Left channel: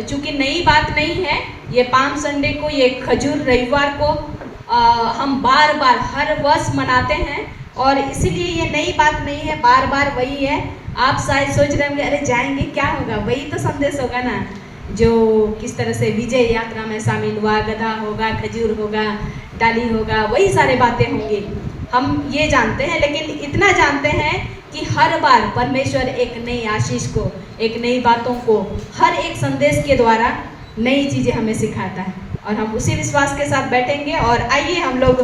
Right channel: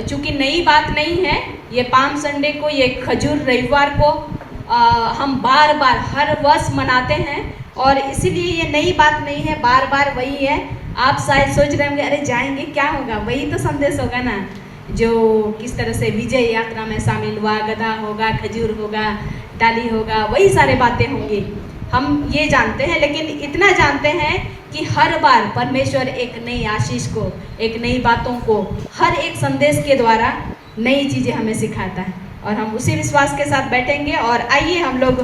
चूंकि नई बात नहीं है, ये पाम संडे को, ये खजूर रविवार को हम बार बार हर वर्ष मनाते हैं और इसीलिए ये नई बात नहीं है, बार बार वही है। आप शायद सोच रहे होंगे अरे जाएंगे क्या होगा, वही तो संदेश होगा ना, जो किस तरह से विजय यात्रा में शामिल हुआ, गधा होगा, खजूर होगा, डाली होगा, वही सारे बातें होंगी, हम ये जानते हैं। लेकिन इतना जानते हैं कि हर बार परमेश्वर एक नई आशीष को, एक नई बातों को, हर एक संदेश के द्वारा नई चीज़ें हमें सिखाता है और हम उसी विश्वास के साथ बैठेंगे। और आइए हम लोग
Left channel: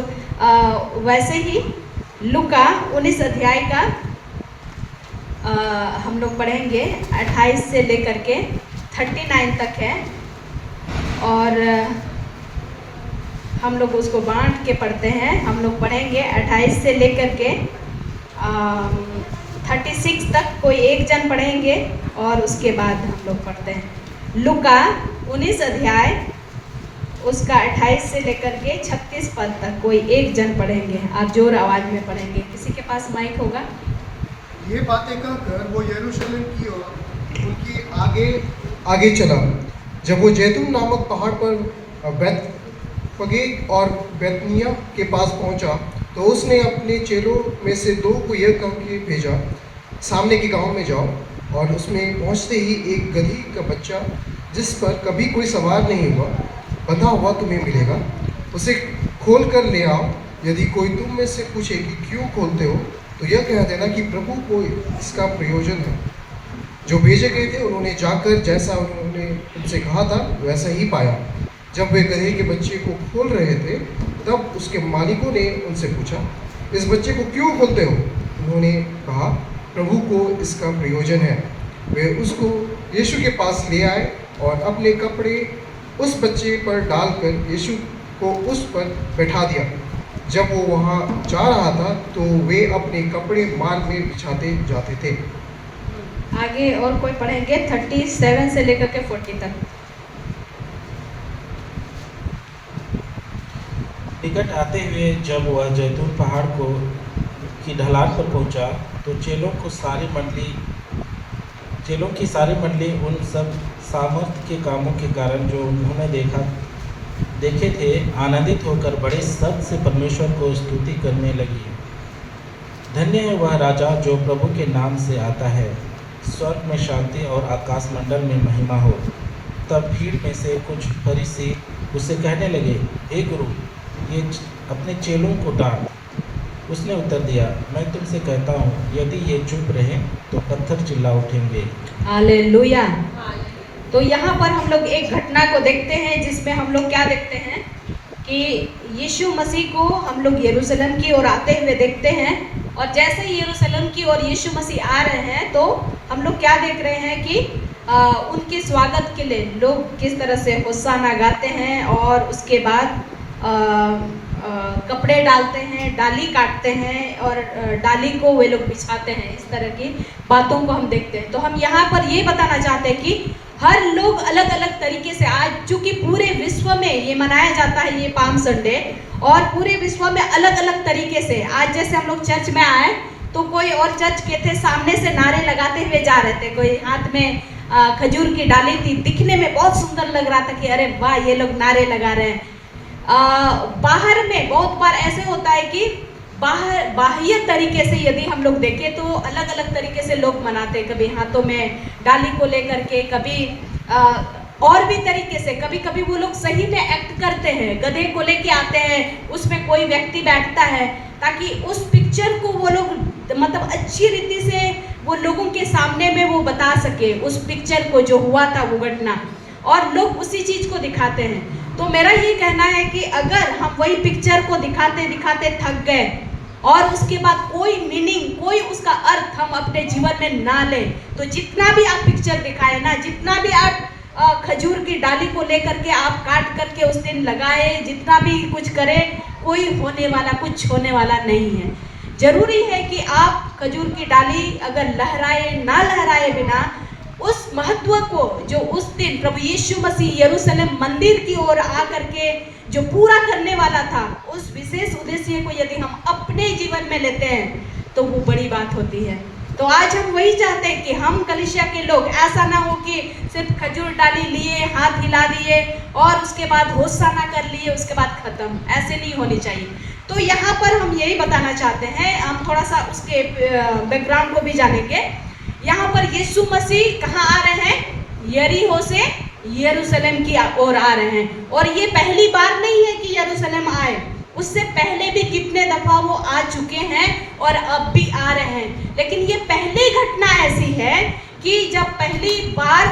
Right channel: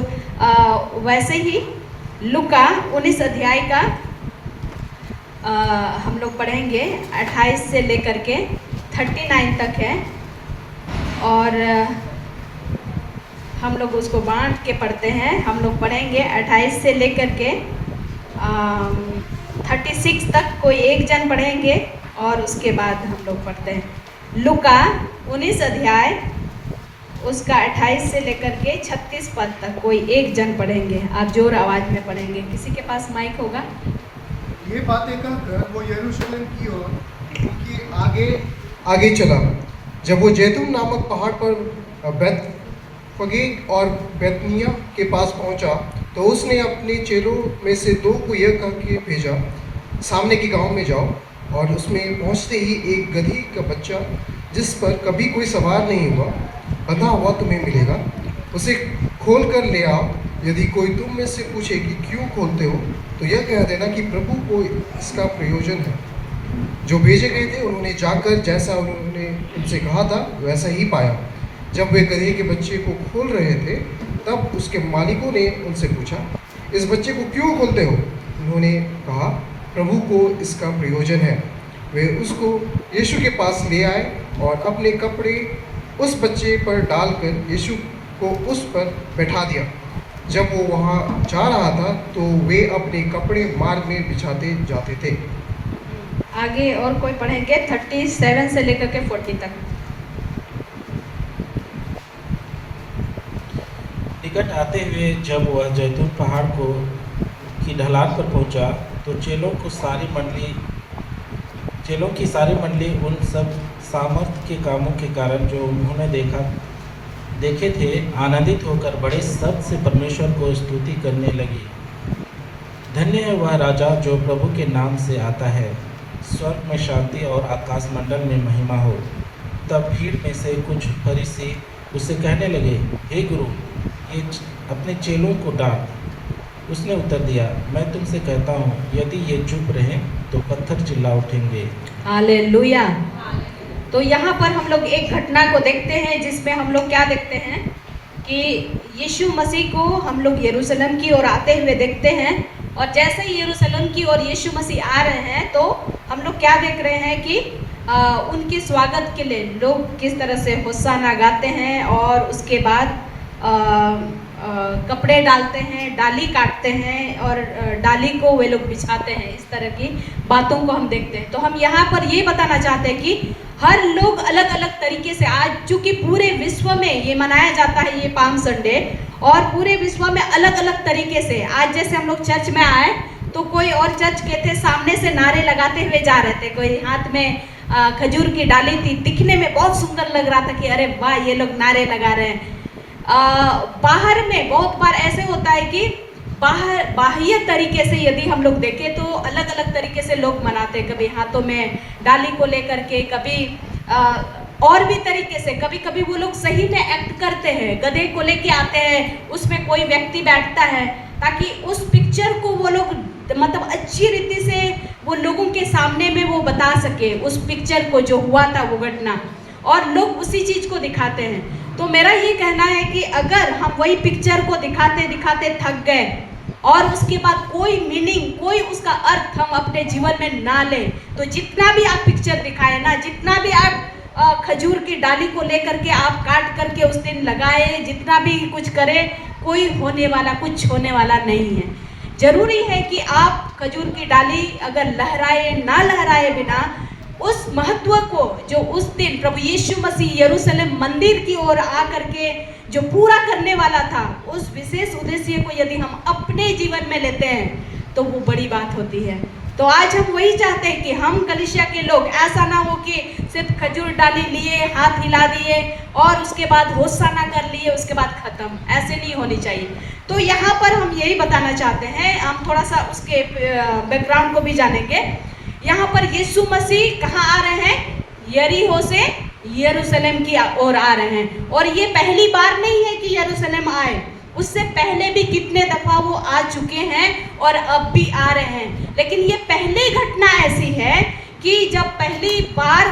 वैसे ही लूका 19 अध्याय का हम लोग पढ़ेंगे, 28 से लेकर के 39 तक है और हम लोग उसको बांट के पढ़ते हैं। हम लोग पढ़ेंगे 28 से लेकर के 36 तक, कोई एक जन पढ़ेंगे और उसके बाद हम लोग पढ़ते हैं लूका 19 अध्याय उसका 28 से लेकर के 36 पद तक, कोई एक जन पढ़ेंगे। आप जोर आवाज में पढ़ेंगे, किसी के पास माइक होगा। ये बातें कहकर वो यरूशलेम की ओर उनकी आगे चला। जब वो जैतून नामक पहाड़ पर बेतफगे और बेतनिया के पास पहुंचा तो उसने अपने चेलों में से 2 को यह कह के भेजा, सामने के गांव में जाओ और उसमें पहुंचते ही एक गधी का बच्चा जिस पर कभी कोई सवार नहीं हुआ बंधा हुआ तुम्हें मिलेगा, उसे खोल कर ले आओ। यदि कोई तुम में से पूछे कि क्यों खोलते हो तो यह कह देना कि प्रभु को इसका प्रयोजन है। जो भेजे गए थे उन्होंने जाकर जैसा उन्होंने उनसे कहा था वैसा ही पाया। जब वे गधे के बच्चे को खोल रहे थे तब उसके मालिकों ने उनसे पूछा, इस बच्चे को क्यों खोलते हो? उन्होंने कहा, प्रभु को इसका प्रयोजन है। वे उसको यीशु के पास ले आए और अपने कपड़े उस बच्चे पर डालकर यीशु को उस पर बैठा दिया। जब वो वहाँ जा रहा था तो वे अपने कपड़े मार्ग में बिछाते जाते थे। आगे और कोई पढ़ेंगे 37 से लेकर के 40 तक। निकट आते हुए जब वह जैतून पहाड़ की ढलान पर पहुंचा तो चेलों की सारी मंडली उन सब सामर्थ के कामों के कारण जो उन्होंने देखे थे आनंदित होकर बड़े शब्द से परमेश्वर को स्तुति करने लगी। धन्य है वह राजा जो प्रभु के नाम से आता है, स्वर्ग में शांति और आकाश मंडल में महिमा हो। तब भीड़ में से कुछ फरीसी उससे कहने लगे, हे गुरु, ये अपने चेलों को डांट। उसने उत्तर दिया, मैं तुमसे कहता हूँ यदि ये चुप रहें तो पत्थर चिल्ला उठेंगे। हालेलुया। तो यहाँ पर हम लोग एक घटना को देखते हैं जिसमें हम लोग क्या देखते हैं कि यीशु मसीह को हम लोग यरूशलेम की ओर आते हुए देखते हैं और जैसे ही यरूशलेम की ओर यीशु मसीह आ रहे हैं तो हम लोग क्या देख रहे हैं कि उनके स्वागत के लिए लोग किस तरह से होशाना गाते हैं और उसके बाद कपड़े डालते हैं, डाली काटते हैं और डाली को वे लोग बिछाते हैं। इस तरह की बातों को हम देखते हैं। तो हम यहाँ पर ये बताना चाहते हैं कि हर लोग अलग अलग तरीके से, आज चूँकि पूरे विश्व में ये मनाया जाता है ये पाम संडे, और पूरे विश्व में अलग अलग तरीके से, आज जैसे हम लोग चर्च में आए तो कोई और चर्च के थे सामने से नारे लगाते हुए जा रहे थे, कोई हाथ में खजूर की डाली थी, दिखने में बहुत सुंदर लग रहा था कि अरे वाह ये लोग नारे लगा रहे हैं। बाहर में बहुत बार ऐसे होता है कि बाह्य तरीके से यदि हम लोग देखें तो अलग अलग तरीके से लोग मनाते हैं, कभी हाथों में डाली को लेकर के, कभी और भी तरीके से, कभी कभी वो लोग सही में एक्ट करते हैं, गधे को लेके आते हैं, उसमें कोई व्यक्ति बैठता है ताकि उस पिक्चर को वो लोग मतलब अच्छी रीति से वो लोगों के सामने में वो बता सके उस पिक्चर को, जो हुआ था वो घटना, और लोग उसी चीज को दिखाते हैं। तो मेरा ये कहना है कि अगर हम वही पिक्चर को दिखाते दिखाते थक गए और उसके बाद कोई मीनिंग, कोई उसका अर्थ हम अपने जीवन में ना लें, तो जितना भी आप पिक्चर दिखाए ना, जितना भी आप खजूर की डाली को लेकर के आप काट करके उस दिन लगाए, जितना भी कुछ करें, कुछ होने वाला नहीं है। जरूरी है कि आप खजूर की डाली अगर लहराए ना लहराए बिना उस महत्व को जो उस दिन प्रभु यीशु मसीह यरूशलेम मंदिर की ओर आकर के जो पूरा करने वाला था, उस विशेष उद्देश्य को यदि हम अपने जीवन में लेते हैं तो वो बड़ी बात होती है। तो आज हम वही चाहते हैं कि हम कलीसिया के लोग, ऐसा ना हो कि सिर्फ खजूर डाली लिए, हाथ हिला दिए और उसके बाद होशाना कर लिए, उसके बाद खत्म। ऐसे नहीं होनी चाहिए। तो यहाँ पर हम यही बताना चाहते हैं, हम थोड़ा सा उसके बैकग्राउंड को भी जानेंगे। यहाँ पर यीशु मसीह कहाँ आ रहे हैं? यरीहो से यरूशलेम की ओर आ रहे हैं। और ये पहली बार नहीं है कि यरूशलेम आए, उससे पहले भी कितने दफा वो आ चुके हैं और अब भी आ रहे हैं। लेकिन ये पहली घटना ऐसी है कि जब पहली बार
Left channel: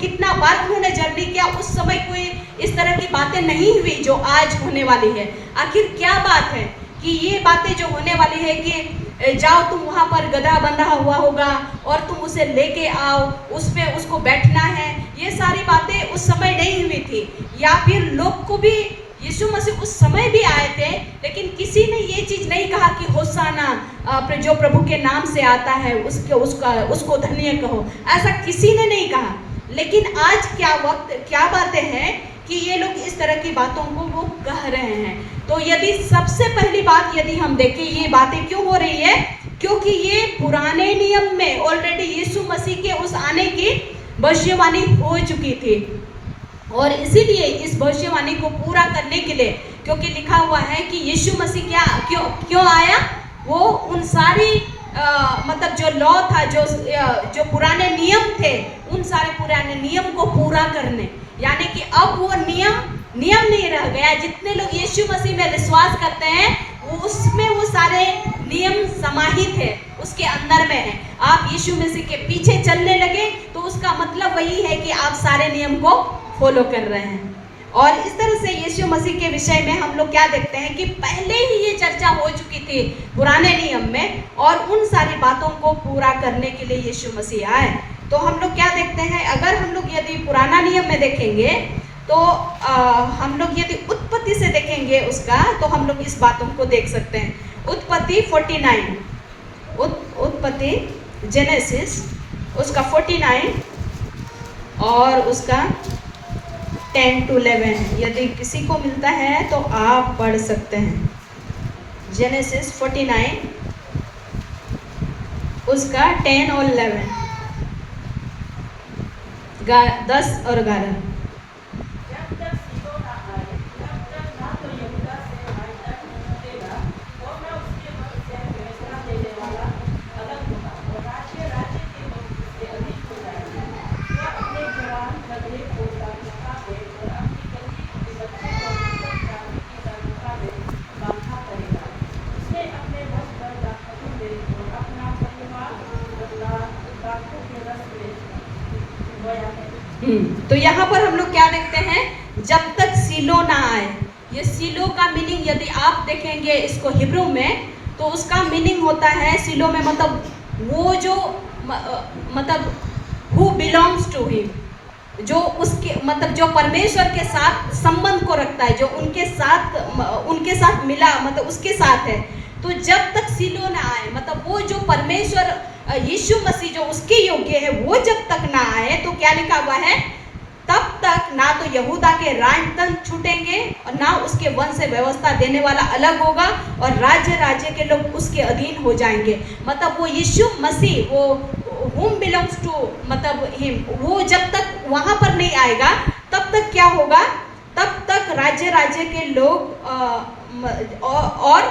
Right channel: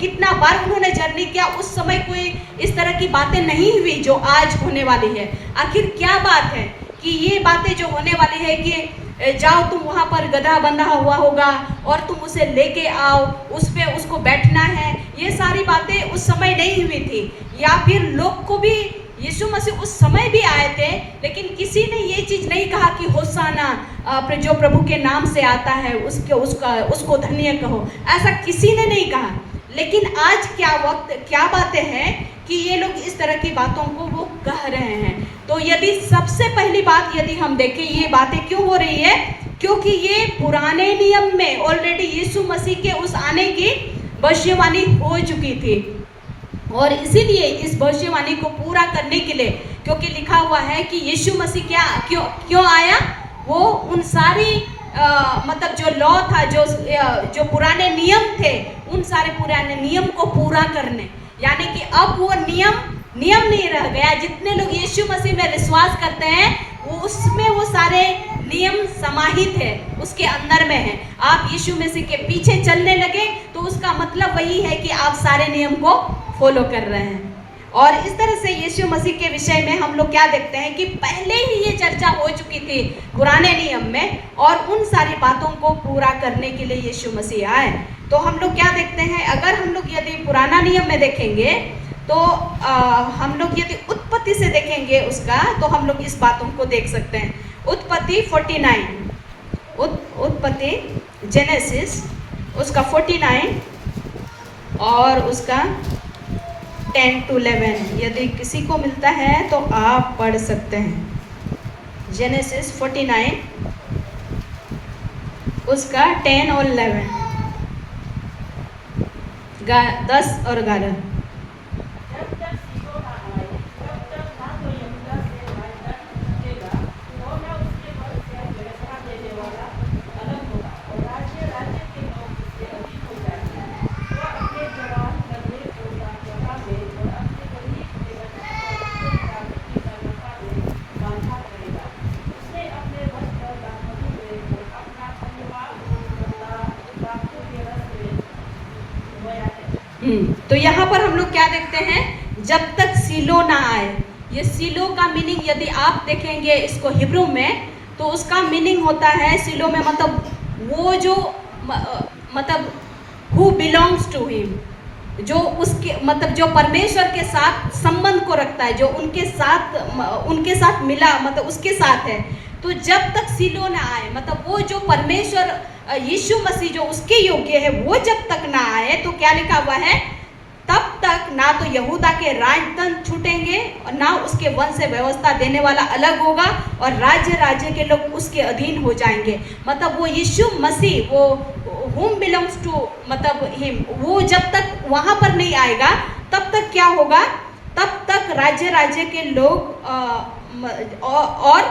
कितना बार उन्होंने जर्नी किया, उस समय कोई इस तरह की बातें नहीं हुई जो आज होने वाली है। आखिर क्या बात है कि ये बातें जो होने वाली है कि जाओ तुम वहाँ पर गधा बंधा हुआ होगा और तुम उसे लेके आओ, उस पे उसको बैठना है, ये सारी बातें उस समय नहीं हुई थी। या फिर लोग को भी, यीशु मसीह उस समय भी आए थे, लेकिन किसी ने ये चीज़ नहीं कहा कि होशाना जो प्रभु के नाम से आता है उसको धन्य कहो, ऐसा किसी ने नहीं कहा। लेकिन आज क्या बातें हैं कि ये लोग इस तरह की बातों को वो कह रहे हैं। तो यदि सबसे पहली बात यदि हम देखें, ये बातें क्यों हो रही है? क्योंकि ये पुराने नियम में ऑलरेडी यीशु मसीह के उस आने की भविष्यवाणी हो चुकी थी। और इसीलिए इस भविष्यवाणी को पूरा करने के लिए, क्योंकि लिखा हुआ है कि यीशु मसीह क्यों आया? वो उन सारी मतलब जो लॉ था, जो पुराने नियम थे, उन सारे पुराने नियम को पूरा करने, यानी कि अब वो नियम नहीं रह गया। जितने लोग यीशु मसीह में विश्वास करते हैं उसमें वो सारे नियम समाहित है, उसके अंदर में है। आप यीशु मसीह के पीछे चलने लगे तो उसका मतलब वही है कि आप सारे नियम को फॉलो कर रहे हैं। और इस तरह से यीशु मसीह के विषय में हम लोग क्या देखते हैं कि पहले ही ये चर्चा हो चुकी थी पुराने नियम में, और उन सारी बातों को पूरा करने के लिए यीशु मसीह आए। तो हम लोग क्या देखते हैं, अगर हम लोग यदि पुराना नियम में देखेंगे तो हम लोग यदि उत्पत्ति से देखेंगे उसका, तो हम लोग इस बातों को देख सकते हैं। उत्पत्ति 49, उत्पत्ति जेनेसिस उसका 49 और उसका 10 to 11, यदि किसी को मिलता है तो आप पढ़ सकते हैं। जेनेसिस 49 उसका 10 और 11, 10 और 11। तो यहाँ पर हम लोग क्या देखते हैं, जब तक सीलो ना आए। ये सीलो का मीनिंग यदि आप देखेंगे इसको हिब्रू में, तो उसका मीनिंग होता है सीलो में मतलब वो जो मतलब हु बिलोंग्स टू हिम, जो उसके मतलब जो परमेश्वर के साथ संबंध को रखता है, जो उनके साथ मिला, मतलब उसके साथ है। तो जब तक सीलो ना आए, मतलब वो जो परमेश्वर यीशु मसीह जो उसके योग्य है, वो जब तक ना आए, तो क्या लिखा हुआ है, तब तक ना तो यहूदा के राजतंत्र छूटेंगे और ना उसके वंश से व्यवस्था देने वाला अलग होगा, और राज्य के लोग उसके अधीन हो जाएंगे। मतलब वो यीशु मसीह, वो whom belongs to मतलब हिम, वो जब तक वहाँ पर नहीं आएगा तब तक क्या होगा, तब तक राज्य के लोग और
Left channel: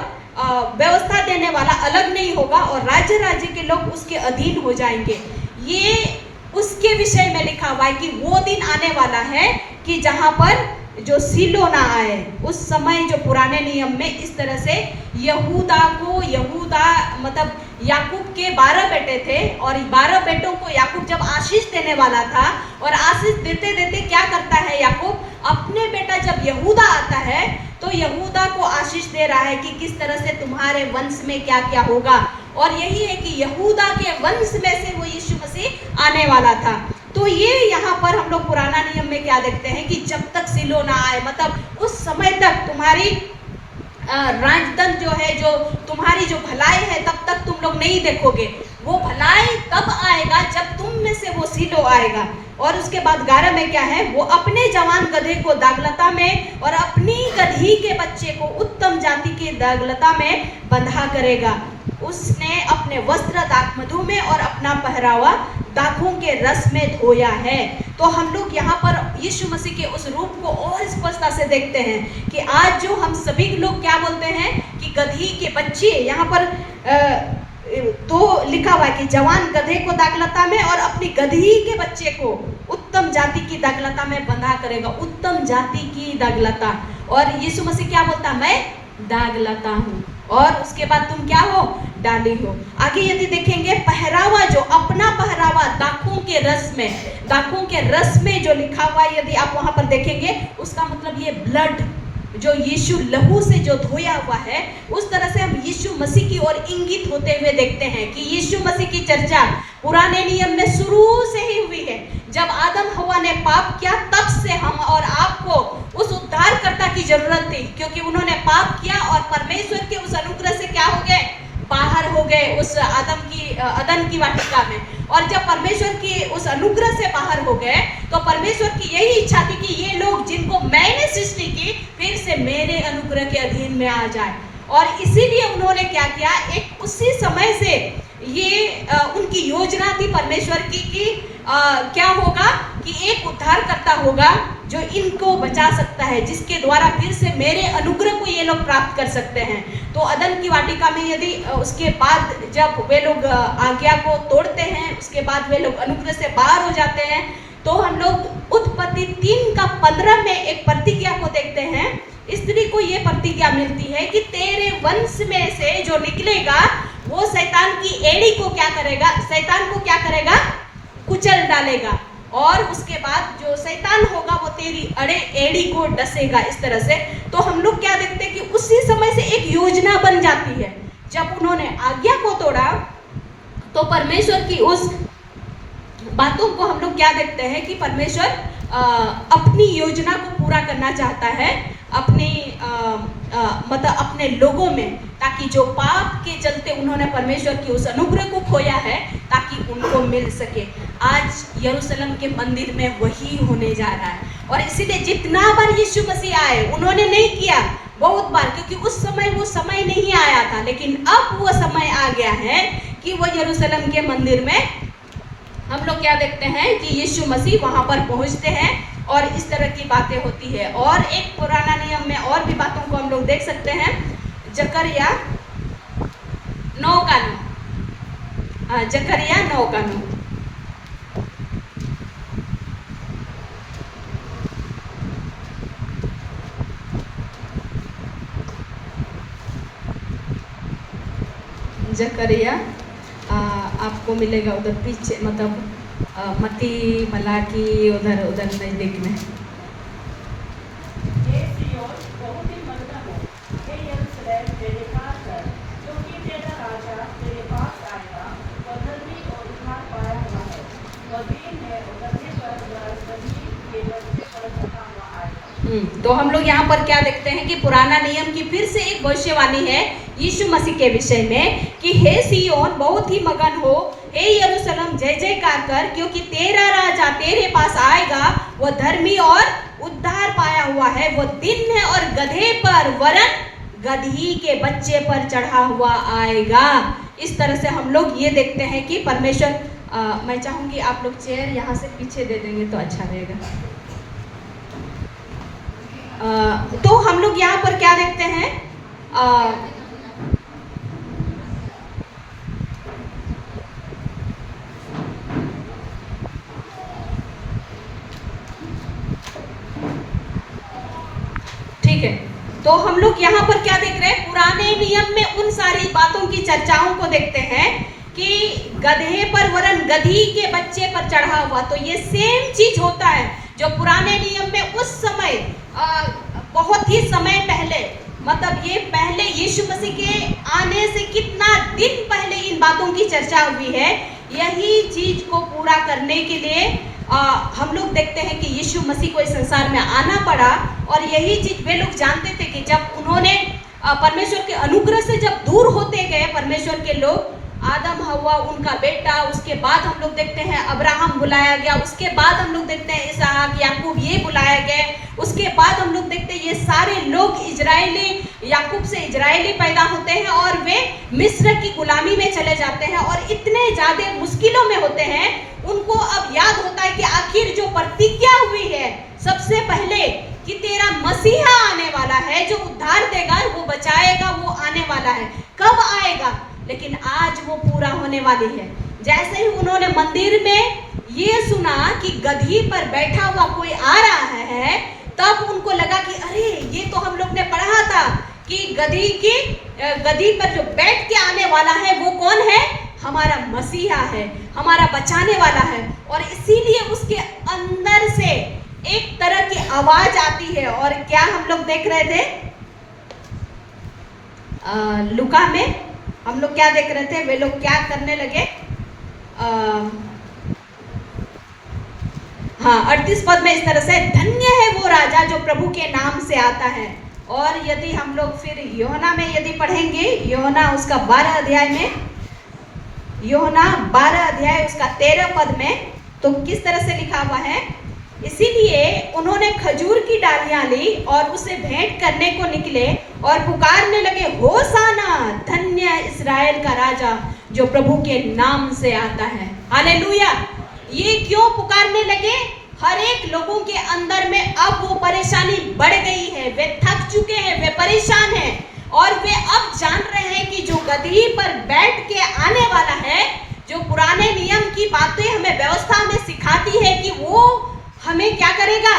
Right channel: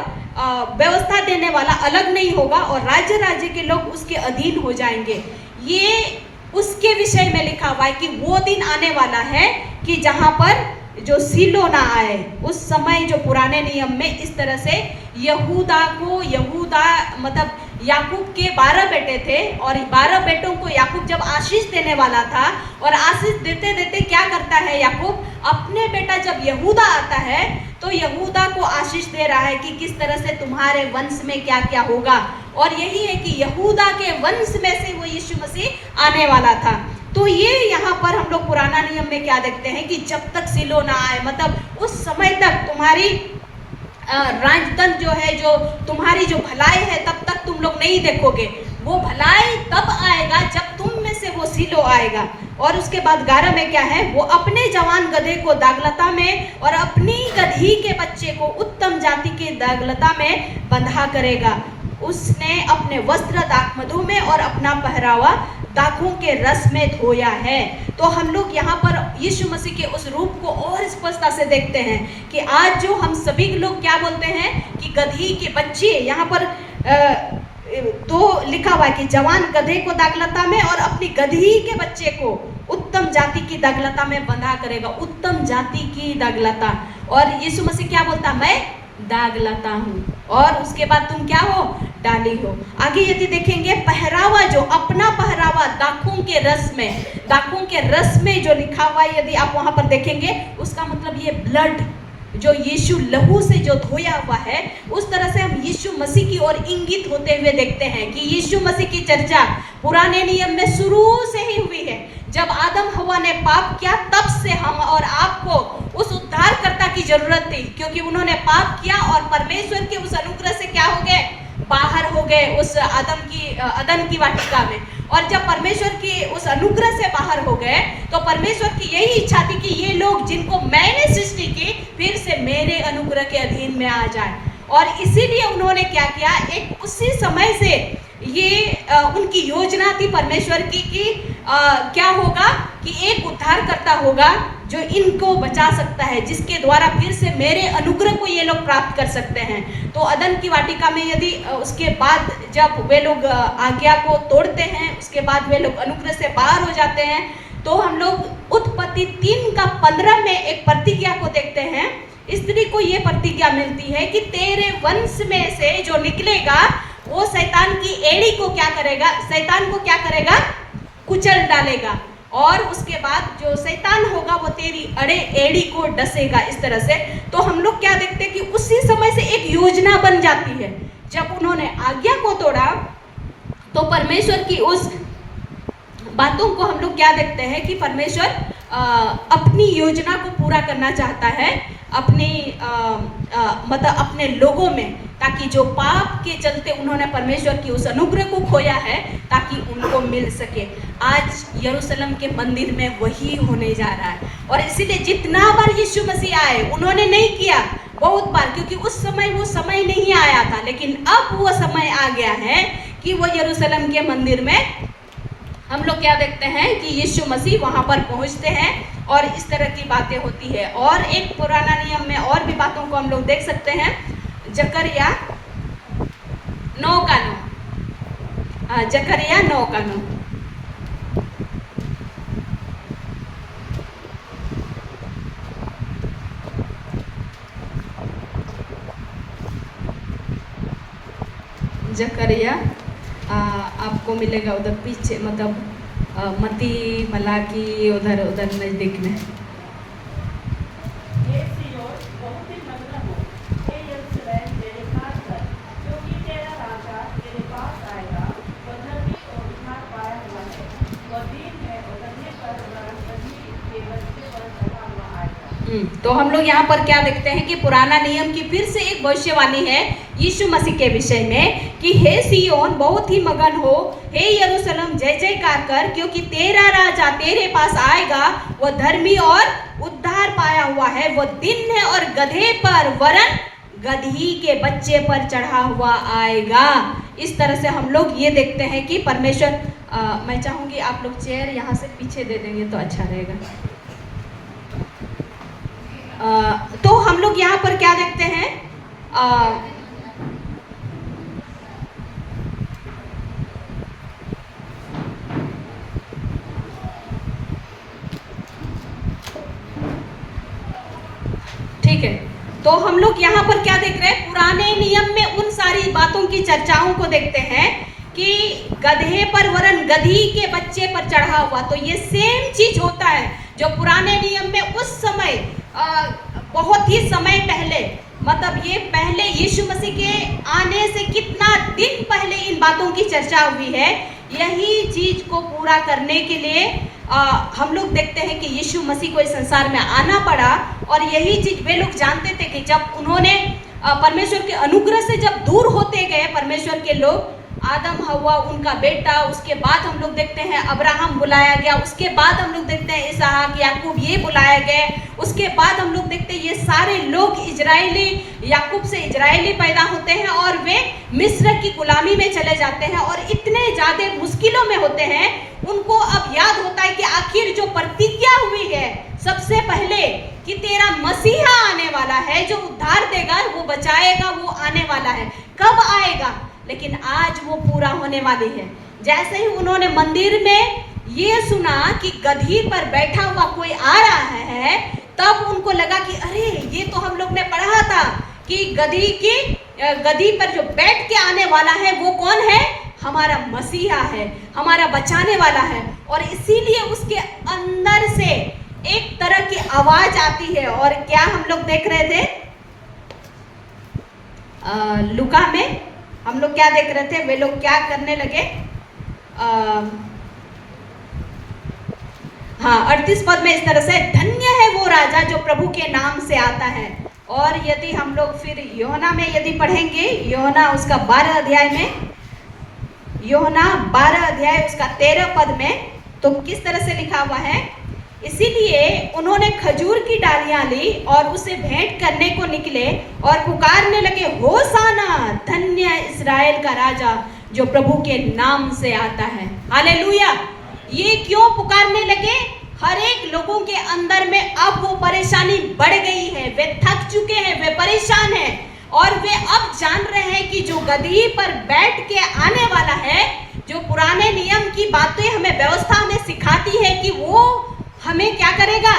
व्यवस्था देने वाला अलग नहीं होगा, और राज्य के लोग उसके अधीन हो जाएंगे। ये उसके विषय में लिखा हुआ है कि वो दिन आने वाला है कि जहाँ पर जो सीलो ना आए। उस समय जो पुराने नियम में इस तरह से यहूदा मतलब याकूब के 12 बेटे थे, और 12 बेटों को याकूब जब आशीष देने वाला था, और आशीष देते देते क्या करता है याकूब, अपने बेटा जब यहूदा आता है तो यहूदा को आशीष दे रहा है कि किस तरह से तुम्हारे वंश में क्या क्या होगा। और यही है कि यहूदा के वंश में से वो यीशु मसीह आने वाला था। तो ये यहाँ पर हम लोग पुराना नियम में क्या देखते हैं कि जब तक सीलो ना आए, मतलब उस समय तक तुम्हारी राजतंत्र जो है, जो तुम्हारी जो भलाई है, तब तक तुम लोग नहीं देखोगे। वो भलाई तब आएगा जब तुम में से वो सीलो आएगा। और उसके बाद 11 में क्या है, वो अपने जवान गधे को दागलता में और अपनी गधी के बच्चे को उत्तम जाति के दागलता में बंधा करेगा। उसने अपने वस्त्र दाखमधु में और अपना पहरावा दाखों के रस में धोया है। तो हम लोग यहाँ पर यीशु मसीह के उस रूप को और स्पष्टता से देखते हैं कि आज जो हम सभी लोग क्या बोलते हैं कि गधी के बच्चे, यहाँ पर तो लिखा हुआ है कि जवान गधे को दाखलता में और अपनी गधी के बच्चे को उत्तम जाति की दाखलता में बंधा करेगा। उत्तम जाति की दाखलता। और यीशु मसीह क्या बोलता, मैं दागलता हूँ और उसके बाद तुम क्या हो, डाली हो। आगे यदि देखेंगे पहरावा, जो अपना पहरावा दाखों के रस में, दाखों के रस में जो लिखा हुआ है, यदि आप वहां पर देखेंगे उसका मतलब ये ब्लड जो यीशु लहू से जो धोया हुआ है, उस तरह से हम यीशु मसीह की ओर इंगित होते हुए देखते हैं कि यीशु मसीह की चर्चा पुराने नियम में शुरू से ही हुई है। जब आदम हवा ने पाप किया तब से हम और आपको उस उद्धारकर्ता की जरूरत थी, क्योंकि उन्होंने पाप किया और परमेश्वर के उस अनुग्रह से क्या हो गए, बाहर हो गए उस अदन की वाटिका में। और जब परमेश्वर की उस अनुग्रह से बाहर हो गए तो परमेश्वर की यही इच्छा थी कि ये लोग जिनको मैंने सृष्टि की फिर से मेरे अनुग्रह के अधीन में आ जाए। और इसीलिए उन्होंने क्या किया, एक उसी समय से ये उनकी योजना थी परमेश्वर की कि क्या होगा कि एक उद्धारकर्ता होगा जो इनको बचा सकता है, जिसके द्वारा फिर से मेरे अनुग्रह को ये लोग प्राप्त कर सकते हैं। तो अदन की वाटिका में यदि उसके बाद जब वे लोग आज्ञा को तोड़ते हैं, उसके बाद वे लोग अनुग्रह से बाहर हो जाते हैं, तो हम लोग उत्पत्ति 3:15 में एक प्रतिज्ञा को देखते हैं। स्त्री को ये प्रतिज्ञा मिलती है कि तेरे वंश में से जो निकलेगा वो शैतान की एड़ी को क्या करेगा, शैतान को क्या करेगा, कुचल डालेगा। और उसके बाद जो शैतान होगा वो तेरी एड़ी को डसेगा। इस तरह से तो हम लोग क्या देखते हैं कि उसी समय से एक योजना बन जाती है। जब उन्होंने आज्ञा को तोड़ा तो परमेश्वर की उस बातों को हम लोग क्या देखते हैं कि परमेश्वर अपनी योजना को पूरा करना चाहता है अपनी मतलब अपने लोगों में, ताकि जो पाप के चलते उन्होंने परमेश्वर की उस अनुग्रह को खोया है ताकि उनको मिल सके। आज यरूशलेम के मंदिर में वही होने जा रहा है। और इसीलिए जितना बार यीशु मसीह आए, उन्होंने नहीं किया बहुत बार, क्योंकि उस समय वो समय नहीं आया था, लेकिन अब वो समय आ गया है कि वो यरूशलेम के मंदिर में हम लोग क्या देखते हैं कि यीशु मसीह वहां पर पहुंचते हैं और इस तरह की बातें होती है। और एक पुराना नियम में और भी बातों को हम लोग देख सकते हैं। जकरिया 9:9, जकरिया 9:9। जकरिया आपको मिलेगा उधर पीछे, मतलब मती मलाकी उधर नजदीक में। तो हम लोग यहाँ पर क्या देखते हैं कि पुराना नियम की फिर से एक भविष्यवाणी है यीशु मसीह के विषय में कि हे सिय्योन बहुत ही मगन हो, हे यरूशलेम जय जयकार कर, क्योंकि तेरा राजा तेरे पास आएगा, वह धर्मी और उद्धार पाया हुआ है, वह दिन है और गधे पर वरन गधी के बच्चे पर चढ़ा हुआ आएगा। इस तरह से हम लोग ये देखते हैं कि परमेश्वर मैं चाहूंगी आप लोग चेयर यहाँ से पीछे दे देंगे तो अच्छा रहेगा। तो हम लोग यहाँ पर क्या देखते हैं, ठीक है, तो हम लोग यहाँ पर क्या देख रहे हैं, पुराने नियम में उन सारी बातों की चर्चाओं को देखते हैं कि गधे पर वरन गधी के बच्चे पर चढ़ा हुआ। तो ये सेम चीज होता है जो पुराने नियम में उस समय बहुत ही समय पहले, मतलब ये पहले यीशु मसीह के आने से कितना दिन पहले इन बातों की चर्चा हुई है। यही चीज को पूरा करने के लिए हम लोग देखते हैं कि यीशु मसीह को इस संसार में आना पड़ा। और यही चीज वे लोग जानते थे कि जब उन्होंने परमेश्वर के अनुग्रह से जब दूर होते गए परमेश्वर के लोग, आदम हवा उनका बेटा, उसके बाद हम लोग देखते हैं अब्राहम बुलाया गया, उसके बाद हम लोग देखते हैं इसहाक याकूब ये बुलाया गया, उसके बाद हम लोग देखते हैं ये सारे लोग इजरायली, याकूब से इजरायली पैदा होते हैं और वे मिस्र की गुलामी में चले जाते हैं और इतने ज्यादा मुश्किलों में होते हैं। उनको अब याद होता है कि आखिर जो प्रतिज्ञा हुई है सबसे पहले कि तेरा मसीहा आने वाला है, जो उद्धार देगा, वो बचाएगा, वो आने वाला है। कब आएगा? लेकिन आज वो पूरा होने वाली है। जैसे ही उन्होंने मंदिर में ये सुना कि गधी पर बैठा हुआ कोई आ रहा है, तब उनको लगा कि अरे ये तो हम लोग ने पढ़ा था कि गधी पर जो बैठ के आने वाला है वो कौन है? हमारा मसीहा है, हमारा बचाने वाला है। और इसीलिए उसके अंदर से एक तरह की आवाज आती है। और क्या हम लोग देख रहे थे लुका में? हम लोग क्या देख रहे थे? वे लोग क्या करने लगे? हाँ, 38 पद में इस तरह से, धन्य है वो राजा जो प्रभु के नाम से आता है। और यदि हम लोग फिर यूहन्ना में यदि पढ़ेंगे, यूहन्ना उसका 12 अध्याय में, यूहन्ना 12 अध्याय उसका 13 पद में, तो किस तरह से लिखा हुआ है? इसीलिए उन्होंने खजूर की डालियां ली और उसे भेंट करने को निकले और पुकारने लगे, होसाना, धन्य इस्राएल का राजा जो प्रभु के नाम से आता है। हालेलुया। ये क्यों पुकारने लगे? हर एक लोगों के अंदर में अब वो परेशानी बढ़ गई है, वे थक चुके हैं, वे परेशान हैं और वे अब जान रहे हैं कि जो गदही पर बैठ के आने वाला है, जो पुराने नियम की बातें हमें व्यवस्था में सिखाती है कि वो हमें क्या करेगा?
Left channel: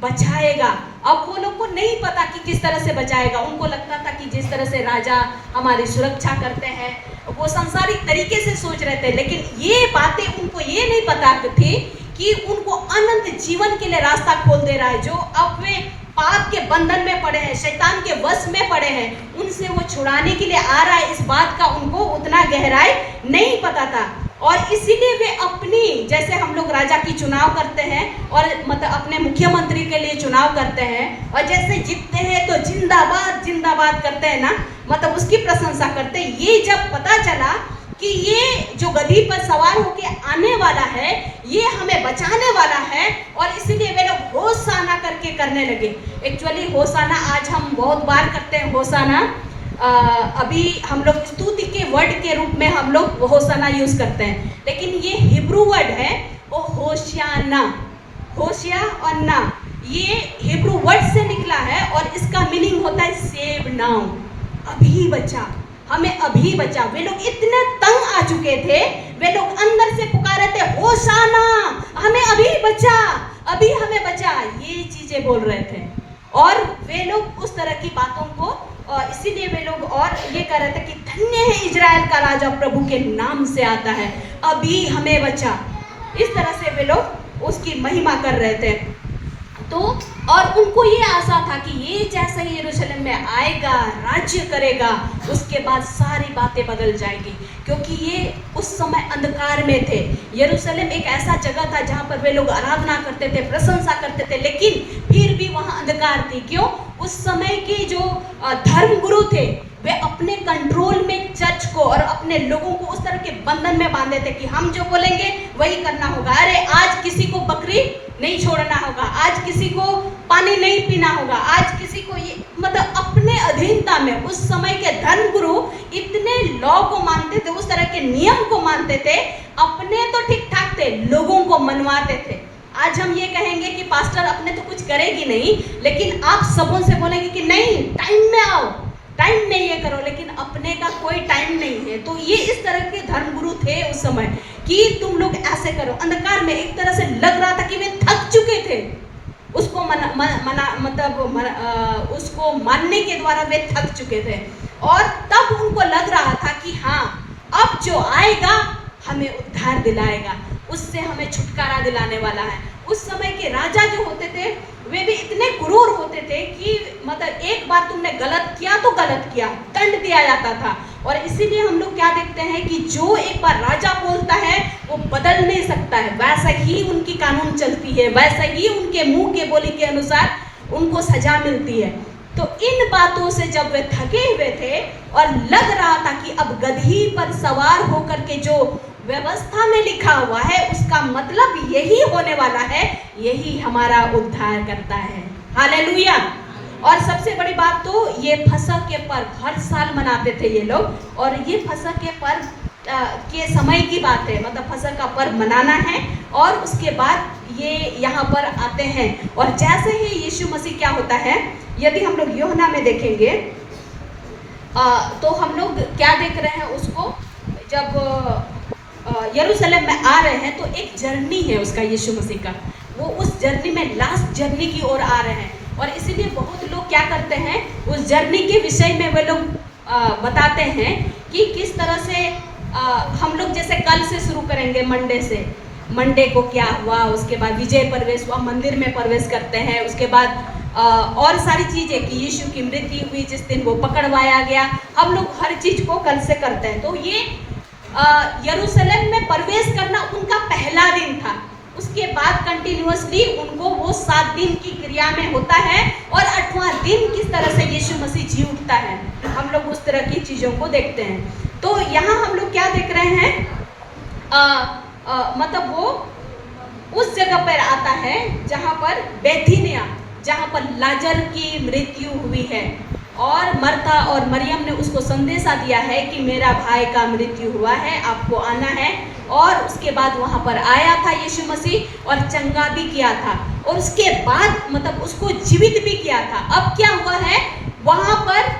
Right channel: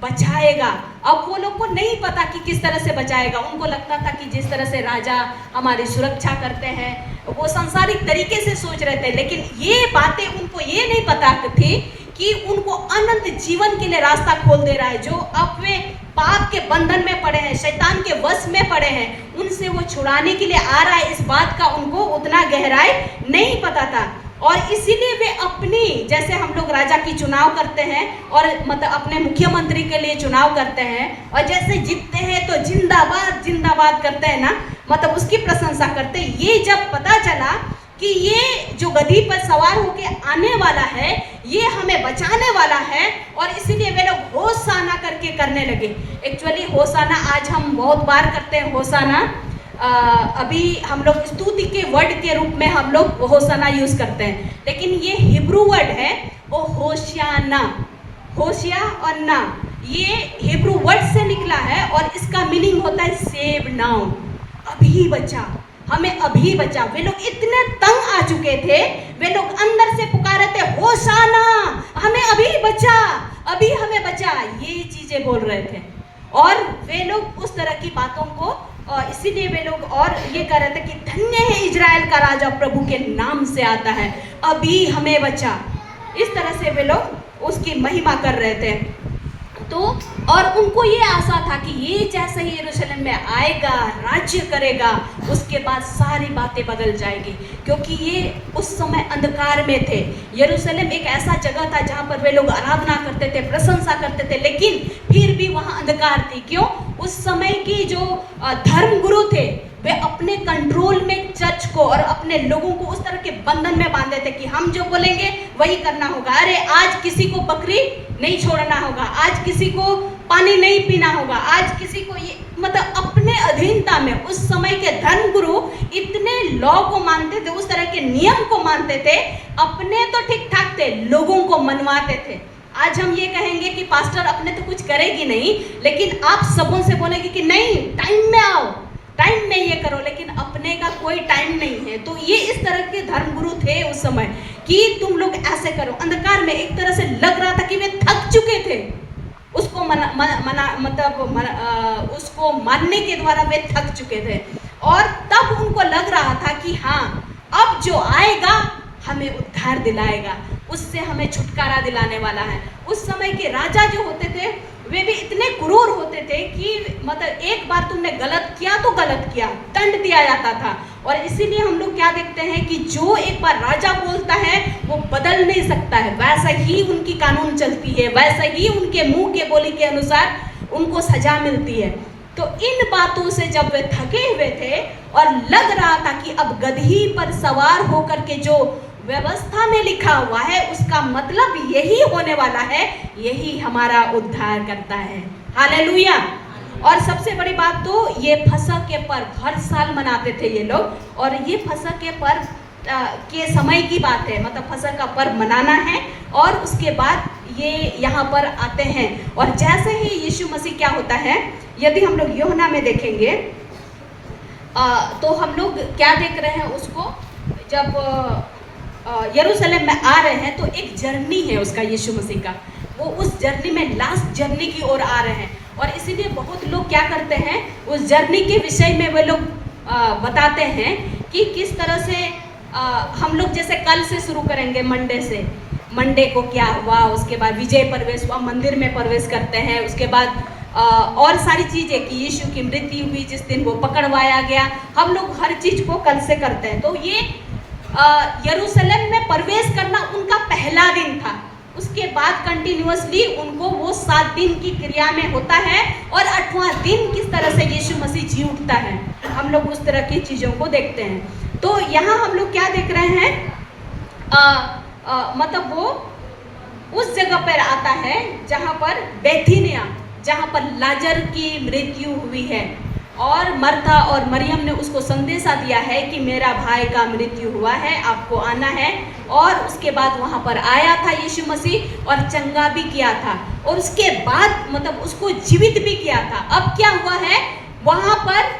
बचाएगा। अब वो लोग को नहीं पता कि किस तरह से बचाएगा। उनको लगता था कि जिस तरह से राजा हमारी सुरक्षा करते हैं, वो सांसारिक तरीके से सोच रहे थे, लेकिन ये बातें उनको ये नहीं पता थी कि उनको अनंत जीवन के लिए रास्ता खोल दे रहा है। जो अब वे पाप के बंधन में पड़े हैं, शैतान के वश में पड़े हैं, उनसे वो छुड़ाने के लिए आ रहा है। इस बात का उनको उतना गहराई नहीं पता था। और इसीलिए वे अपनी, जैसे हम लोग राजा की चुनाव करते हैं और मतलब अपने मुख्यमंत्री के लिए चुनाव करते हैं और जैसे जीतते हैं तो जिंदाबाद जिंदाबाद करते हैं ना, मतलब उसकी प्रशंसा करते हैं। ये जब पता चला कि ये जो गधी पर सवार होके आने वाला है, ये हमें बचाने वाला है, और इसीलिए वे लोग होसाना करके करने लगे। एक्चुअली होसाना आज हम बहुत बार करते हैं। होसाना अभी हम लोग स्तुति के वर्ड के रूप में हम लोग होसाना यूज करते हैं, लेकिन ये हिब्रू वर्ड है वो होशियाना, होशिया और ना, ये हिब्रू वर्ड से निकला है और इसका मीनिंग होता है सेव नाउ, अभी बचा, हमें अभी बचा। वे लोग इतने तंग आ चुके थे, वे लोग अंदर से पुकार थे, होशाना, हमें अभी बचा, अभी हमें बचा, ये चीजें बोल रहे थे। और वे लोग उस तरह की बातों को, इसीलिए वे लोग और ये कह रहे थे कि धन्य है इजराइल का राजा प्रभु के नाम से आता है, अभी हमें बचा। इस तरह से वे लोग उसकी महिमा कर रहे थे। तो और उनको ये आशा था कि ये जैसे ही यरूशलेम में आएगा, राज्य करेगा, उसके बाद सारी बातें बदल जाएगी, क्योंकि ये उस समय अंधकार में थे। यरूशलेम एक ऐसा जगह था जहाँ पर वे लोग आराधना करते थे, प्रशंसा करते थे, लेकिन फिर भी वहाँ अंधकार थी। क्यों? उस समय की जो धर्म गुरु थे, वे अपने कंट्रोल में चर्च को और अपने लोगों को उस तरह के बंधन में बांधे थे कि हम जो बोलेंगे वही करना होगा। अरे आज किसी को बकरी नहीं छोड़ना होगा, आज किसी को पानी नहीं पीना होगा, आज किसी को ये, मतलब अपने अधीनता में उस समय के धर्म गुरु इतने लॉ को मानते थे, उस तरह के नियम को मानते थे, अपने तो ठीक ठाक थे, लोगों को मनवाते थे। आज हम ये कहेंगे कि पास्टर अपने तो कुछ करेगी नहीं, लेकिन आप सबों से बोलेंगे कि नहीं टाइम में आओ, टाइम में ये करो, लेकिन अपने का कोई टाइम नहीं है। तो ये इस तरह के धर्मगुरु थे उस समय कि तुम लोग ऐसे करो। अंधकार में एक तरह से लग रहा था कि वे थक चुके थे, उसको उसको मानने के द्वारा वे थक चुके थे। और तब उनको लग रहा था कि हाँ, अब जो आएगा हमें उद्धार दिलाएगा, उससे हमें छुटकारा दिलाने वाला है। उस समय के राजा जो होते थे वे भी इतने क्रूर होते थे कि मतलब एक बार तुमने गलत किया तो गलत किया, दंड दिया जाता था। और इसीलिए हम लोग क्या देखते हैं कि जो एक बार राजा बोलता है वो बदल नहीं सकता है, वैसा ही उनकी कानून चलती है, वैसा ही उनके मुंह के बोली के अनुसार उनको सजा मिलती है। तो इन बातों से जब वे थके हुए थे और लग रहा था कि अब गदही पर सवार होकर के जो व्यवस्था में लिखा हुआ है उसका मतलब यही होने वाला है, यही हमारा उद्धार करता है। हालेलुया। और सबसे बड़ी बात तो ये फसह के पर्व हर साल मनाते थे ये लोग, और ये फसह के पर्व के समय की बात है, मतलब फसह का पर्व मनाना है और उसके बाद ये यहाँ पर आते हैं। और जैसे ही यीशु मसीह क्या होता है, यदि हम लोग यूहन्ना में देखेंगे तो हम लोग क्या देख रहे हैं उसको, जब यरूशलेम में आ रहे हैं तो एक जर्नी है उसका, यीशु मसीह का, वो उस जर्नी में लास्ट जर्नी की ओर आ रहे हैं। और इसीलिए बहुत लोग क्या करते हैं, उस जर्नी के विषय में वे लोग बताते हैं कि किस तरह से हम लोग जैसे कल से शुरू करेंगे, मंडे से, मंडे को क्या हुआ, उसके बाद विजय प्रवेश हुआ, मंदिर में प्रवेश करते हैं, उसके बाद और सारी चीज़ें कि यीशु की मृत्यु हुई, जिस दिन वो पकड़वाया गया, हम लोग हर चीज़ को कल से करते हैं। तो ये यरूशलेम में प्रवेश करना उनका पहला दिन था। उसके बाद कंटिन्यूअसली उनको वो 7 दिन की क्रिया में होता है और 8वां दिन किस तरह से यीशु मसीह जी उठता है, हम लोग उस तरह की चीज़ों को देखते हैं। तो यहाँ हम लोग क्या देख रहे हैं, मतलब वो उस जगह पर आता है जहाँ पर बेथानिया, जहाँ पर लाजर की मृत्यु हुई है, और मर्था और मरियम ने उसको संदेशा दिया है कि मेरा भाई का मृत्यु हुआ है, आपको आना है। और उसके बाद वहाँ पर आया था यीशु मसीह और चंगा भी किया था, और उसके बाद मतलब उसको जीवित भी किया था। अब क्या हुआ है वहाँ पर,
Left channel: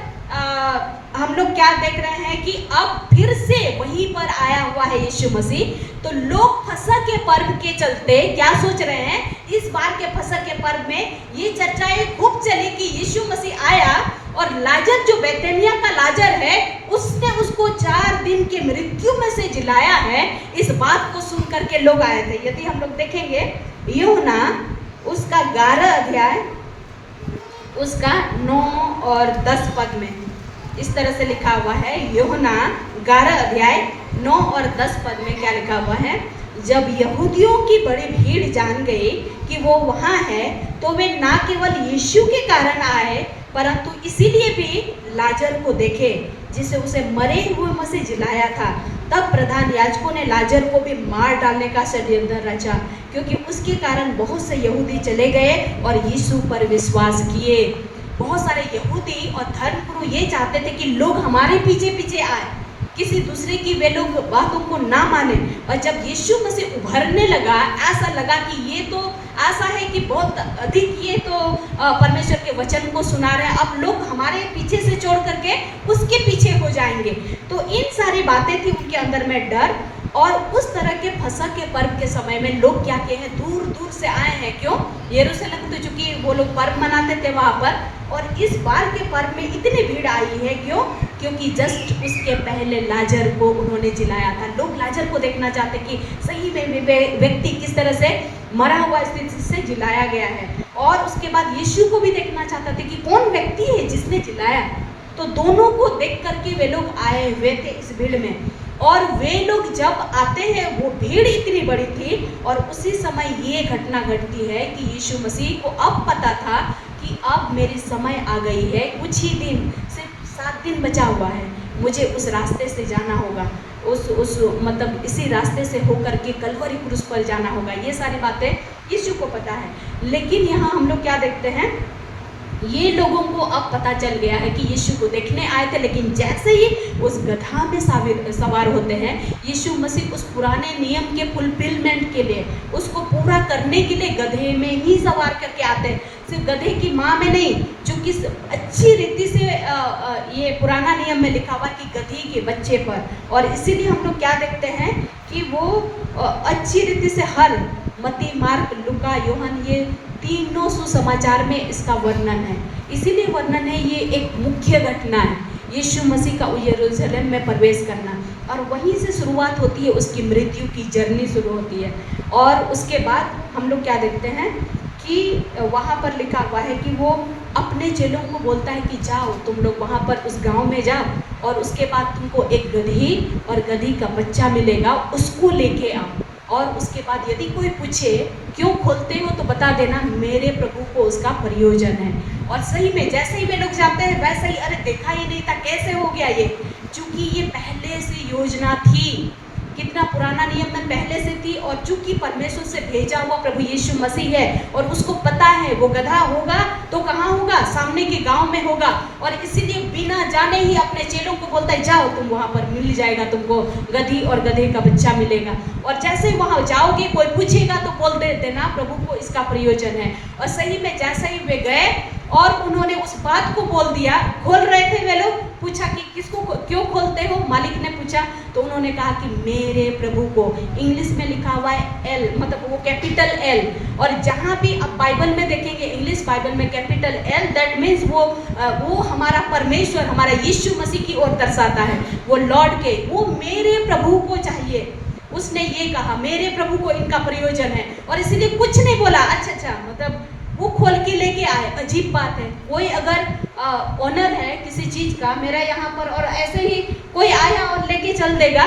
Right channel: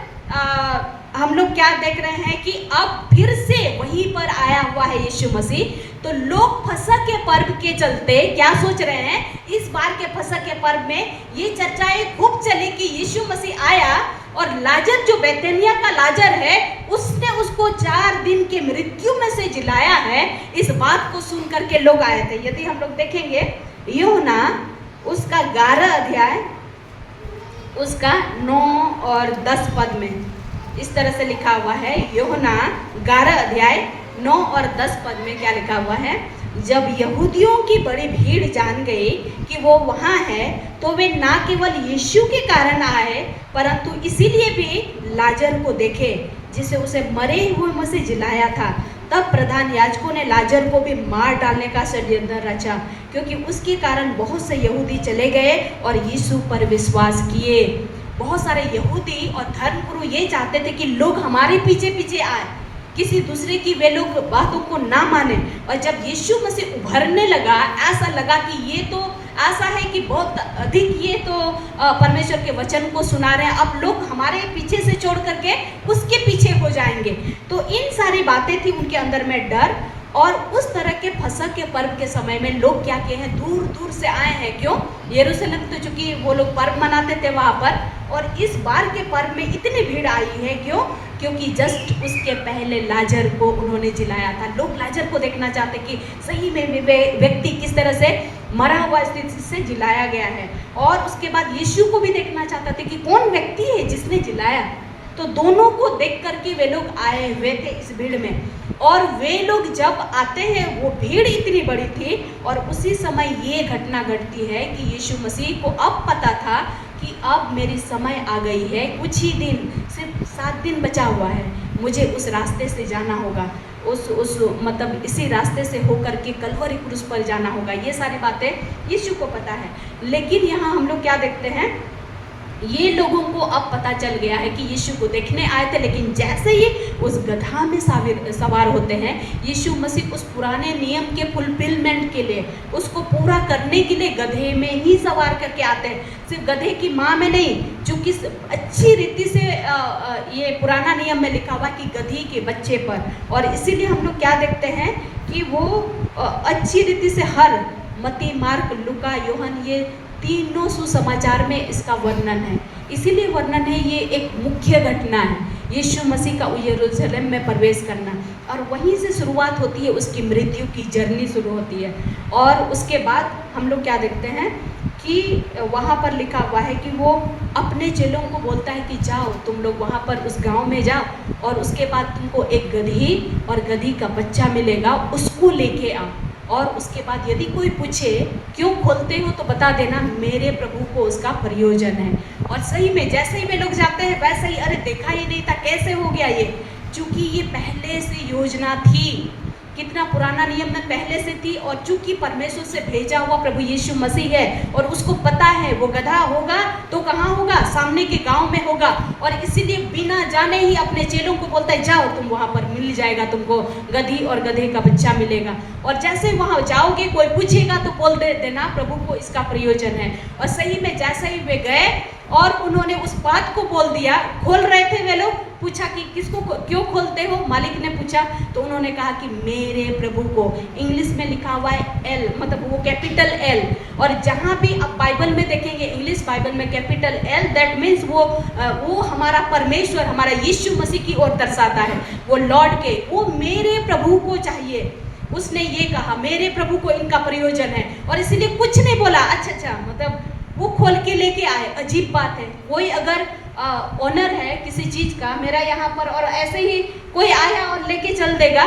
हम लोग क्या देख रहे हैं कि अब फिर से वहीं पर आया हुआ है यीशु मसीह। तो लोग फसह के पर्व के चलते क्या सोच रहे हैं, इस बार के फसह के पर्व में ये चर्चाएं खूब चली कि यीशु मसीह आया और लाजर जो बेथानिया का लाजर है उसने उसको 4 दिन के मृत्यु में से जिलाया है। इस बात को सुन करके लोग आए थे। यदि हम लोग देखेंगे यूहन्ना उसका 11 अध्याय उसका 9 और 10 पद में इस तरह से लिखा हुआ है। यूहन्ना 11 अध्याय 9 और 10 पद में क्या लिखा हुआ है, जब यहूदियों की बड़ी भीड़ जान गई कि वो वहाँ है तो वे ना केवल यीशु के कारण आए परंतु इसीलिए भी लाजर को देखे जिसे उसे मरे हुए में से जिलाया था। तब प्रधान याजकों ने लाजर को भी मार डालने का षड्यंत्र रचा, क्योंकि उसके कारण बहुत से यहूदी चले गए और यीशु पर विश्वास किए। बहुत सारे यहूदी और धर्मगुरु ये चाहते थे कि लोग हमारे पीछे पीछे आए, किसी दूसरे की वे लोग बातों को ना माने। और जब यीशु मसीह उभरने लगा, ऐसा लगा कि ये तो ऐसा है कि बहुत अधिक ये तो परमेश्वर के वचन को सुना रहे हैं, अब लोग हमारे पीछे से छोड़ करके उसके पीछे हो जाएंगे। तो इन सारी बातें थी उनके अंदर में डर। और उस तरह के फसह के पर्व के समय में लोग क्या किए हैं, दूर दूर से आए हैं। क्यों? यरूशलेम तो चूंकि वो लोग पर्व मनाते थे वहाँ पर, और इस बार के पर्व में इतनी भीड़ आई है। क्यों? क्योंकि जस्ट उसके पहले लाजर को उन्होंने जिलाया था। लोग लाजर को देखना चाहते कि सही में व्यक्ति किस तरह से मरा हुआ स्थिति से जिलाया गया है, और उसके बाद यीशु को भी देखना चाहते थे कि कौन व्यक्ति है जिसने जिलाया। तो दोनों को देख कर के वे लोग आए हुए थे इस भीड़ में। और वे लोग जब आते हैं वो भीड़ इतनी बड़ी थी, और उसी समय ये घटना घटती है कि यीशु मसीह को अब पता था कि अब मेरी समय आ गई है, कुछ ही दिन, सिर्फ 7 दिन बचा हुआ है, मुझे उस रास्ते से जाना होगा, उस मतलब इसी रास्ते से होकर के कलवरी क्रूस पर जाना होगा। ये सारी बातें यीशु को पता है। लेकिन यहाँ हम लोग क्या देखते हैं, ये लोगों को अब पता चल गया है कि यीशु को देखने आए थे, लेकिन जैसे ही उस गधा में सवार होते हैं, यीशु मसीह उस पुराने नियम के फुलफिलमेंट के लिए, उसको पूरा करने के लिए गधे में ही सवार करके आते हैं। सिर्फ गधे की माँ में नहीं, चूँकि अच्छी रीति से ये पुराना नियम में लिखा हुआ कि गधी के बच्चे पर। और इसीलिए हम लोग क्या देखते हैं कि वो अच्छी रीति से हर मत्ती, मार्क, लूका, योहन, ये तीनों सुसमाचार में इसका वर्णन है। इसीलिए वर्णन है, ये एक मुख्य घटना है, यीशु मसीह का यरूशलेम में प्रवेश करना, और वहीं से शुरुआत होती है, उसकी मृत्यु की जर्नी शुरू होती है। और उसके बाद हम लोग क्या देखते हैं कि वहाँ पर लिखा हुआ है कि वो अपने चेलों को बोलता है कि जाओ तुम लोग वहाँ पर उस गांव में जाओ और उसके बाद तुमको एक गधी और गधी का बच्चा मिलेगा, उसको लेके आओ। और उसके बाद यदि कोई पूछे क्यों खोलते हो तो बता देना मेरे प्रभु को उसका प्रयोजन है। और सही में जैसे ही वे लोग जाते हैं वैसे ही, अरे देखा ही नहीं था, कैसे हो गया ये? चूंकि ये पहले से योजना थी, कितना पुराना नियम में पहले से थी। और चूंकि परमेश्वर से भेजा हुआ प्रभु यीशु मसीह है और उसको पता है वो गधा होगा तो कहाँ होगा, सामने के गांव में होगा। और इसीलिए बिना जाने ही अपने चेलों को बोलता है जाओ तुम वहां पर मिल जाएगा, तुमको गधी और गधे का बच्चा मिलेगा। और जैसे ही वहां जाओगे कोई पूछेगा तो बोल देना प्रभु को इसका प्रयोजन है। और सही में जैसे ही वे गए और उन्होंने उस बात को बोल दिया, खोल रहे थे वे लोग, पूछा कि किसको क्यों खोलते हो, मालिक ने पूछा तो उन्होंने कहा कि मेरे प्रभु को। इंग्लिश में लिखा हुआ है एल, मतलब वो कैपिटल एल। और जहाँ भी आप बाइबल में देखेंगे, इंग्लिश बाइबल में कैपिटल एल, दैट मीन्स वो हमारा परमेश्वर, हमारा यीशु मसीह की ओर दर्शाता है, वो लॉर्ड के, वो मेरे प्रभु को चाहिए। उसने ये कहा मेरे प्रभु को इनका प्रयोजन है। और इसीलिए कुछ नहीं बोला, अच्छा मतलब वो खोल के लेके आए। अजीब बात है, कोई अगर ऑनर है किसी चीज का मेरा यहाँ पर और ऐसे ही कोई आया और लेके चल देगा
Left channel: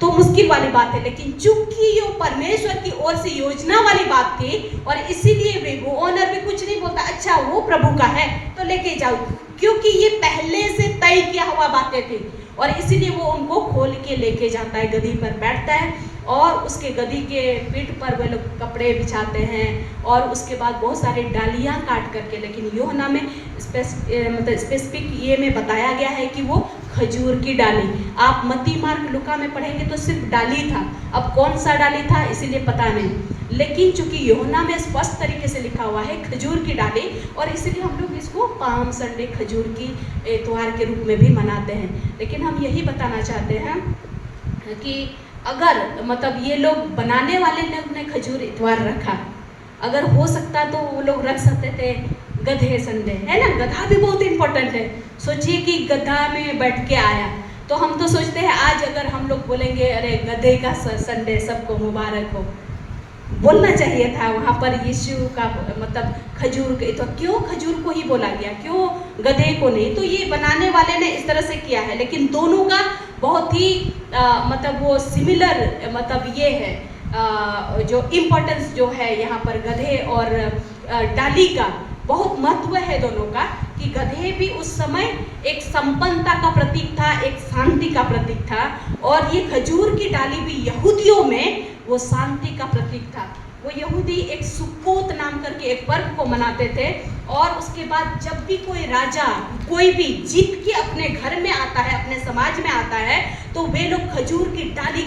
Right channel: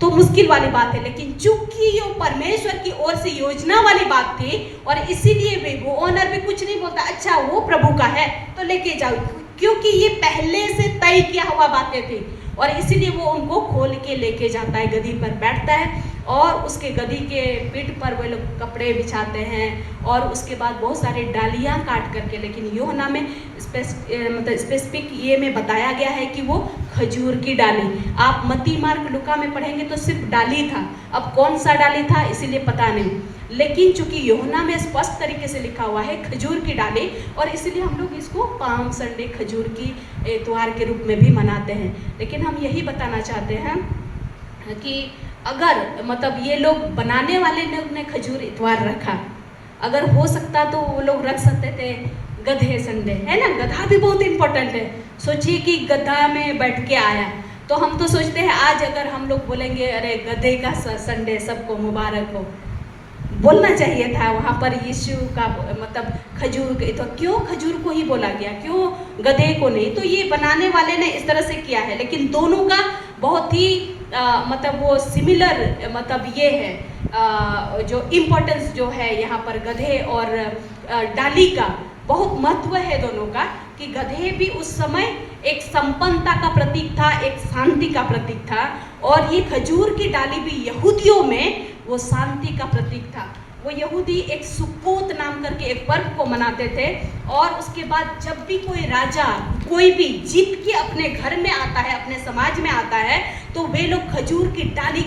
तो मुश्किल वाली बात है। लेकिन चूंकि ये परमेश्वर की ओर से योजना वाली बात थी और इसीलिए वो ऑनर भी कुछ नहीं बोलता, अच्छा वो प्रभु का है तो लेके जाओ, क्योंकि ये पहले से तय किया हुआ बातें थी। और इसीलिए वो उनको खोल के लेके जाता है, गधी पर बैठता है और उसके गधी के पीठ पर वे लोग कपड़े बिछाते हैं। और उसके बाद बहुत सारी डालियां काट करके, लेकिन यूहन्ना में मतलब स्पेसिफिक ये में बताया गया है कि वो खजूर की डाली। आप मत्ती मार्क लूका में पढ़ेंगे तो सिर्फ डाली था, अब कौन सा डाली था इसीलिए पता नहीं। लेकिन चूंकि यूहन्ना में स्पष्ट तरीके से लिखा हुआ है खजूर की डाली, और इसलिए हम लोग इसको पाम संडे, खजूर की त्योहार के रूप में भी मनाते हैं। लेकिन हम यही बताना चाहते हैं कि अगर मतलब ये लोग बनाने वाले लोग ने खजूर इतवार रखा, अगर हो सकता तो वो लोग रख सकते थे गधे संडे, है ना? गधा भी बहुत इंपॉर्टेंट है। सोचिए कि गधा में बैठ के आया, तो हम तो सोचते हैं आज अगर हम लोग बोलेंगे अरे गधे का संडे सबको मुबारक हो, बोलना चाहिए था वहाँ पर यीशु का मतलब खजूर के, तो क्यों खजूर को ही बोला गया, क्यों गधे को नहीं? तो ये बनाने वाले ने इस तरह से किया है। लेकिन दोनों का बहुत ही मतलब वो सिमिलर मतलब ये है जो इम्पोर्टेंस जो है यहाँ पर गधे और डाली का बहुत महत्व है दोनों का। कि गधे भी उस समय एक संपन्नता का प्रतीक था, एक शांति का प्रतीक था, और ये खजूर की डाली भी यहूदियों में वो शांति का प्रतीक था। वो यहूदी एक सुक्कोत नाम करके एक पर्व को मनाते थे, और उसके बाद जब भी कोई राजा कोई भी जीत के अपने घर में आता है, अपने समाज में आता है, तो वे लोग खजूर की डाली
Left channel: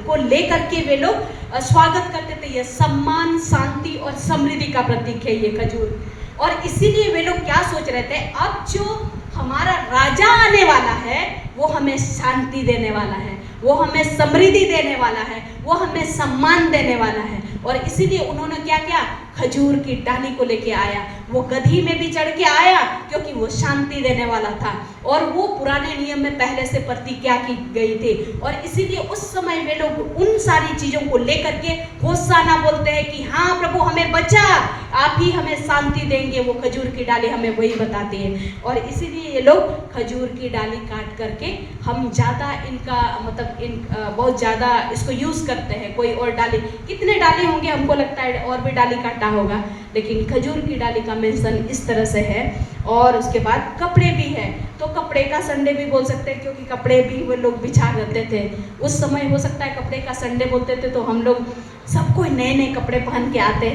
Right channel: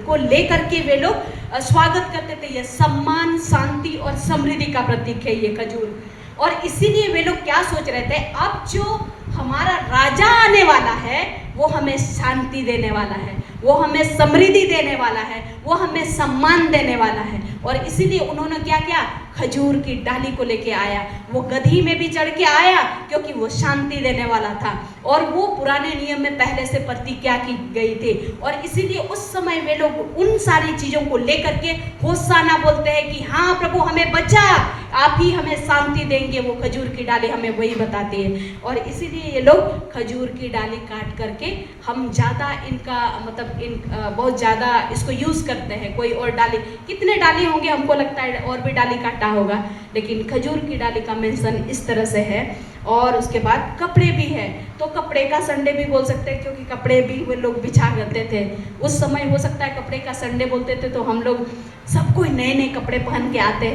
को लेकर के वे लोग स्वागत करते थे। ये सम्मान, शांति और समृद्धि का प्रतीक है ये खजूर। और इसीलिए वे लोग क्या सोच रहे थे, अब जो हमारा राजा आने वाला है वो हमें शांति देने वाला है, वो हमें समृद्धि देने वाला है, वो हमें सम्मान देने वाला है। और इसीलिए उन्होंने क्या किया, खजूर की डाली को लेके आया। वो गधी में भी चढ़ के आया क्योंकि वो शांति देने वाला था, और वो पुराने नियम में पहले से प्रतिज्ञा की गई थी। और इसीलिए उस समय वे लोग उन सारी चीजों को लेकर के होशाना बोलते हैं कि हाँ प्रभु हमें बचा, आप ही हमें शांति देंगे। वो खजूर की डाली हमें वही बताती है। और इसीलिए ये लोग खजूर की डाली काट करके हम ज़्यादा इनका मतलब बहुत ज़्यादा इसको यूज़ करते हैं। कोई और डाली, कितने डाली होंगे हमको लगता है और भी डाली काटा होगा, लेकिन खजूर की डाली का मेंशन इस तरह से है। और उसके बाद कपड़े भी है, तो कपड़े का संडे भी बोल सकते हैं, क्योंकि कपड़े भी वो लोग बिछा करते थे उस समय। हो सकता है कपड़े का संडे बोलते थे तो हम लोग सब कोई नए नए कपड़े पहन के आते,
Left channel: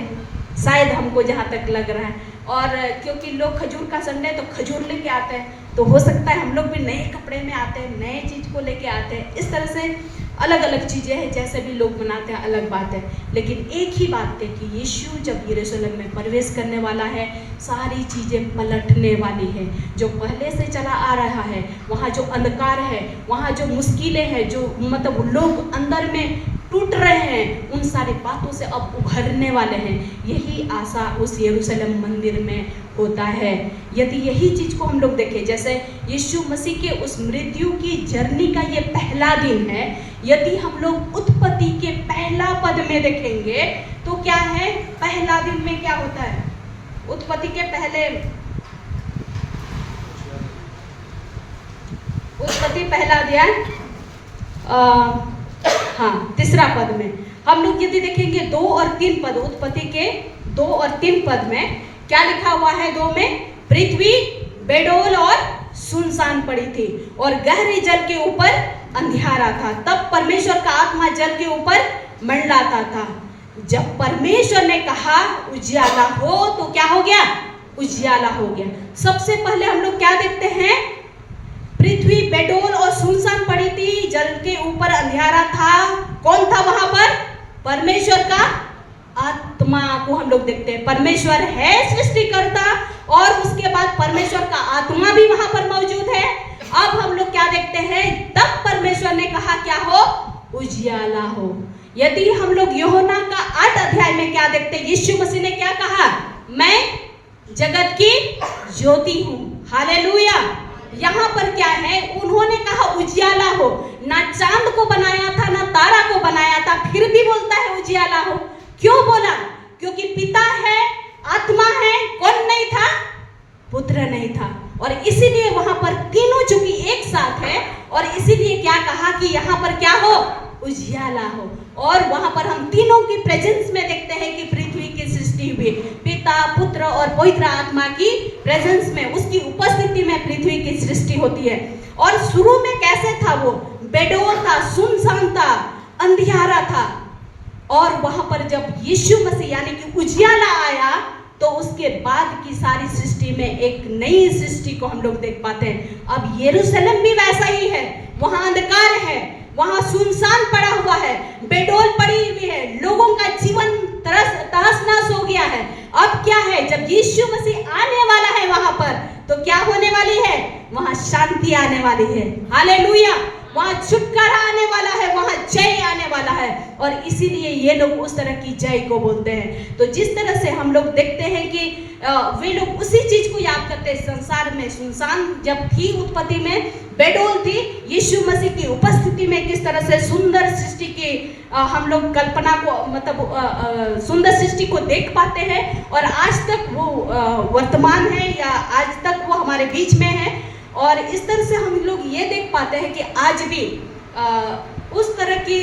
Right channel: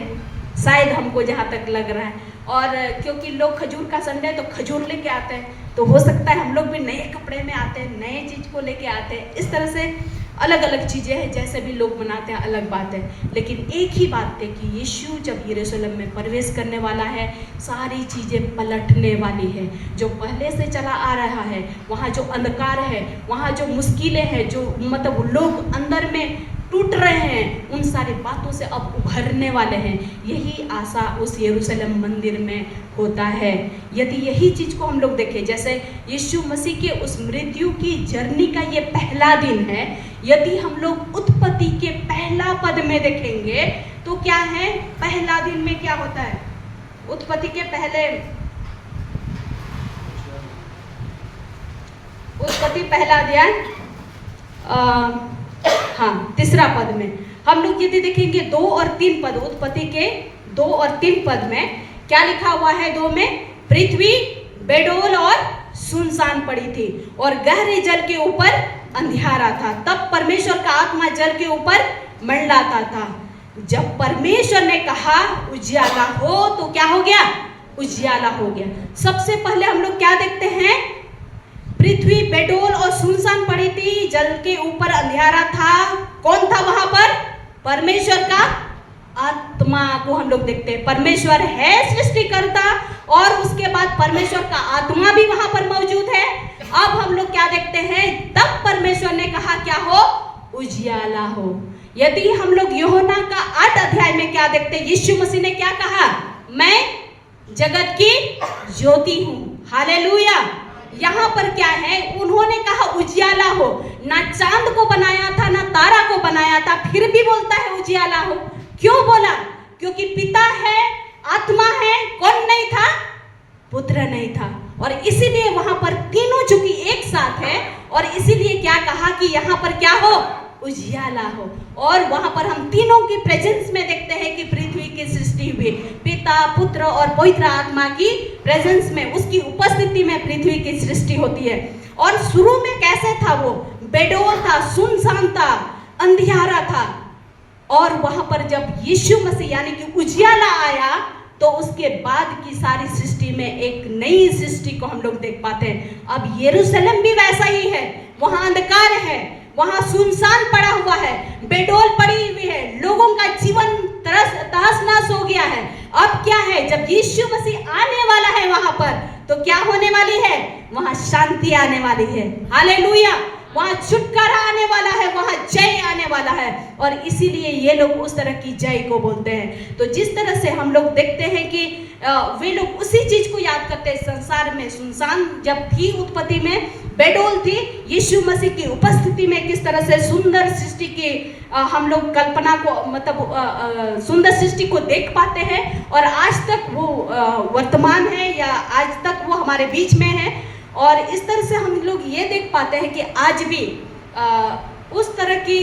शायद हमको जहाँ तक लग रहा है। और क्योंकि लोग खजूर का संडे तो खजूर लेके आते हैं, तो हो सकता है हम लोग भी नए कपड़े में आते हैं, नए चीज़ को लेके आते हैं। इस तरह से अलग अलग चीज़ें हैं, जैसे भी लोग मनाते हैं अलग बात है। लेकिन एक ही बात है कि यीशु जब यरूशलेम में प्रवेश करने वाला है, सारी चीज़ें पलटने वाली है। जो पहले से चला आ रहा है, वहाँ जो अंधकार है, वहाँ जो मुश्किलें हैं, जो मतलब लोग अंदर में टूट रहे हैं, उन सारी बातों से अब उभरने वाले हैं। यही आशा उस यरूशलेम मंदिर में होता है। यदि यही चीज़ को हम लोग देखें, जैसे यीशु मसीह के उस मृत्यु की जर्नी का ये पहला दिन है, यदि हम लोग उत्पत्ति के पहला पद में देखेंगे तो क्या है, पहला दिन में क्या होता है, उत्पत्ति के पहले उत्पत्ति पहला अध्याय तीसरा पद में हम लोग यदि देखेंगे 2 और 3 पद, उत्पत्ति के 2 और 3 पद में क्या लिखा हुआ है? 2 में पृथ्वी बेडौल और सुनसान पड़ी थी और गहरे जल के ऊपर अंधियारा था। तब परमेश्वर का आत्मा जल के ऊपर मंडलाता था। जब परमेश्वर ने कहा उजियाला हो, तो क्या हो गया? उजियाला हो गया। सबसे पहले हम लोग क्या देखते हैं? पृथ्वी बेडौल और सुनसान पड़ी थी, जल के ऊपर अंधियारा था। कौन था वहां पर? परमेश्वर का आत्मा को हम लोग देखते हैं। परमेश्वर है सृष्टिकर्ता और उसके बाद परमेश्वर का आत्मा भी वहां पर मौजूद है। अब हम लोग क्या देखते हैं? तब परमेश्वर ने कहा क्या हो? उजियाला हो। यदि हम लोग यूहन्ना का 8 अध्याय में क्या देखते हैं? यीशु मसीह ने क्या कहा? मैं जगत की ज्योति हूं। हालेलुया। यहाँ पर क्या है? उन्होंने कहा उजियाला हो। ना चांद को बनाया था, ना तारा को बनाया था, फिर भी बोलता है उजियाला हो। क्यों बोला? क्योंकि पिता है, आत्मा है, कौन नहीं था? पुत्र नहीं था। और इसीलिए वहां पर तीनों चूंकि एक साथ है और इसीलिए क्या कहा कि यहाँ पर क्या हो? उजियाला हो। और वहां पर हम तीनों की प्रेजेंस में देखते हैं कि पृथ्वी की सृष्टि हुई। पिता, पुत्र और पवित्र आत्मा की प्रेजेंस में, उसकी उपस्थिति में पृथ्वी की सृष्टि होती है। और शुरू में कैसे था? वो बेडौल था, सुनसान था, अंधियारा था। और वहां पर जब यीशु मसीह यानी कि उजियाला आया तो उसके बाद की सारी सृष्टि में एक नई सृष्टि को हम लोग देख पाते हैं। अब यरूशलेम भी वैसा ही है। वहां अंधकार है, वहां सुनसान पड़ा हुआ है, बेडौल पड़ी हुई है, लोगों का जीवन तहस नहस हो गया है। अब क्या है? जब यीशु मसीह आने वाला है वहां पर, तो क्या होने वाली है? वहां शांति आने वाली है। हालेलुया। वहां छुटकारा आने वाला है, वहां जय आने वाला है। और इसीलिए ये लोग उस तरह की जय को बोलते हैं। तो जिस तरह से हम लोग देखते हैं कि वे लोग उसी चीज को याद करते हैं। संसार में सुनसान जब थी, उत्पत्ति में बेडौल थी, यीशु मसीह की उपस्थिति में किस तरह से सुंदर सृष्टि की हम लोग कल्पना को, मतलब सुंदर सृष्टि को देख पाते हैं। और आज तक वो वर्तमान है या आज तक वो हमारे बीच में है। और इस तरह से हम लोग ये देख पाते हैं कि आज भी उस तरह की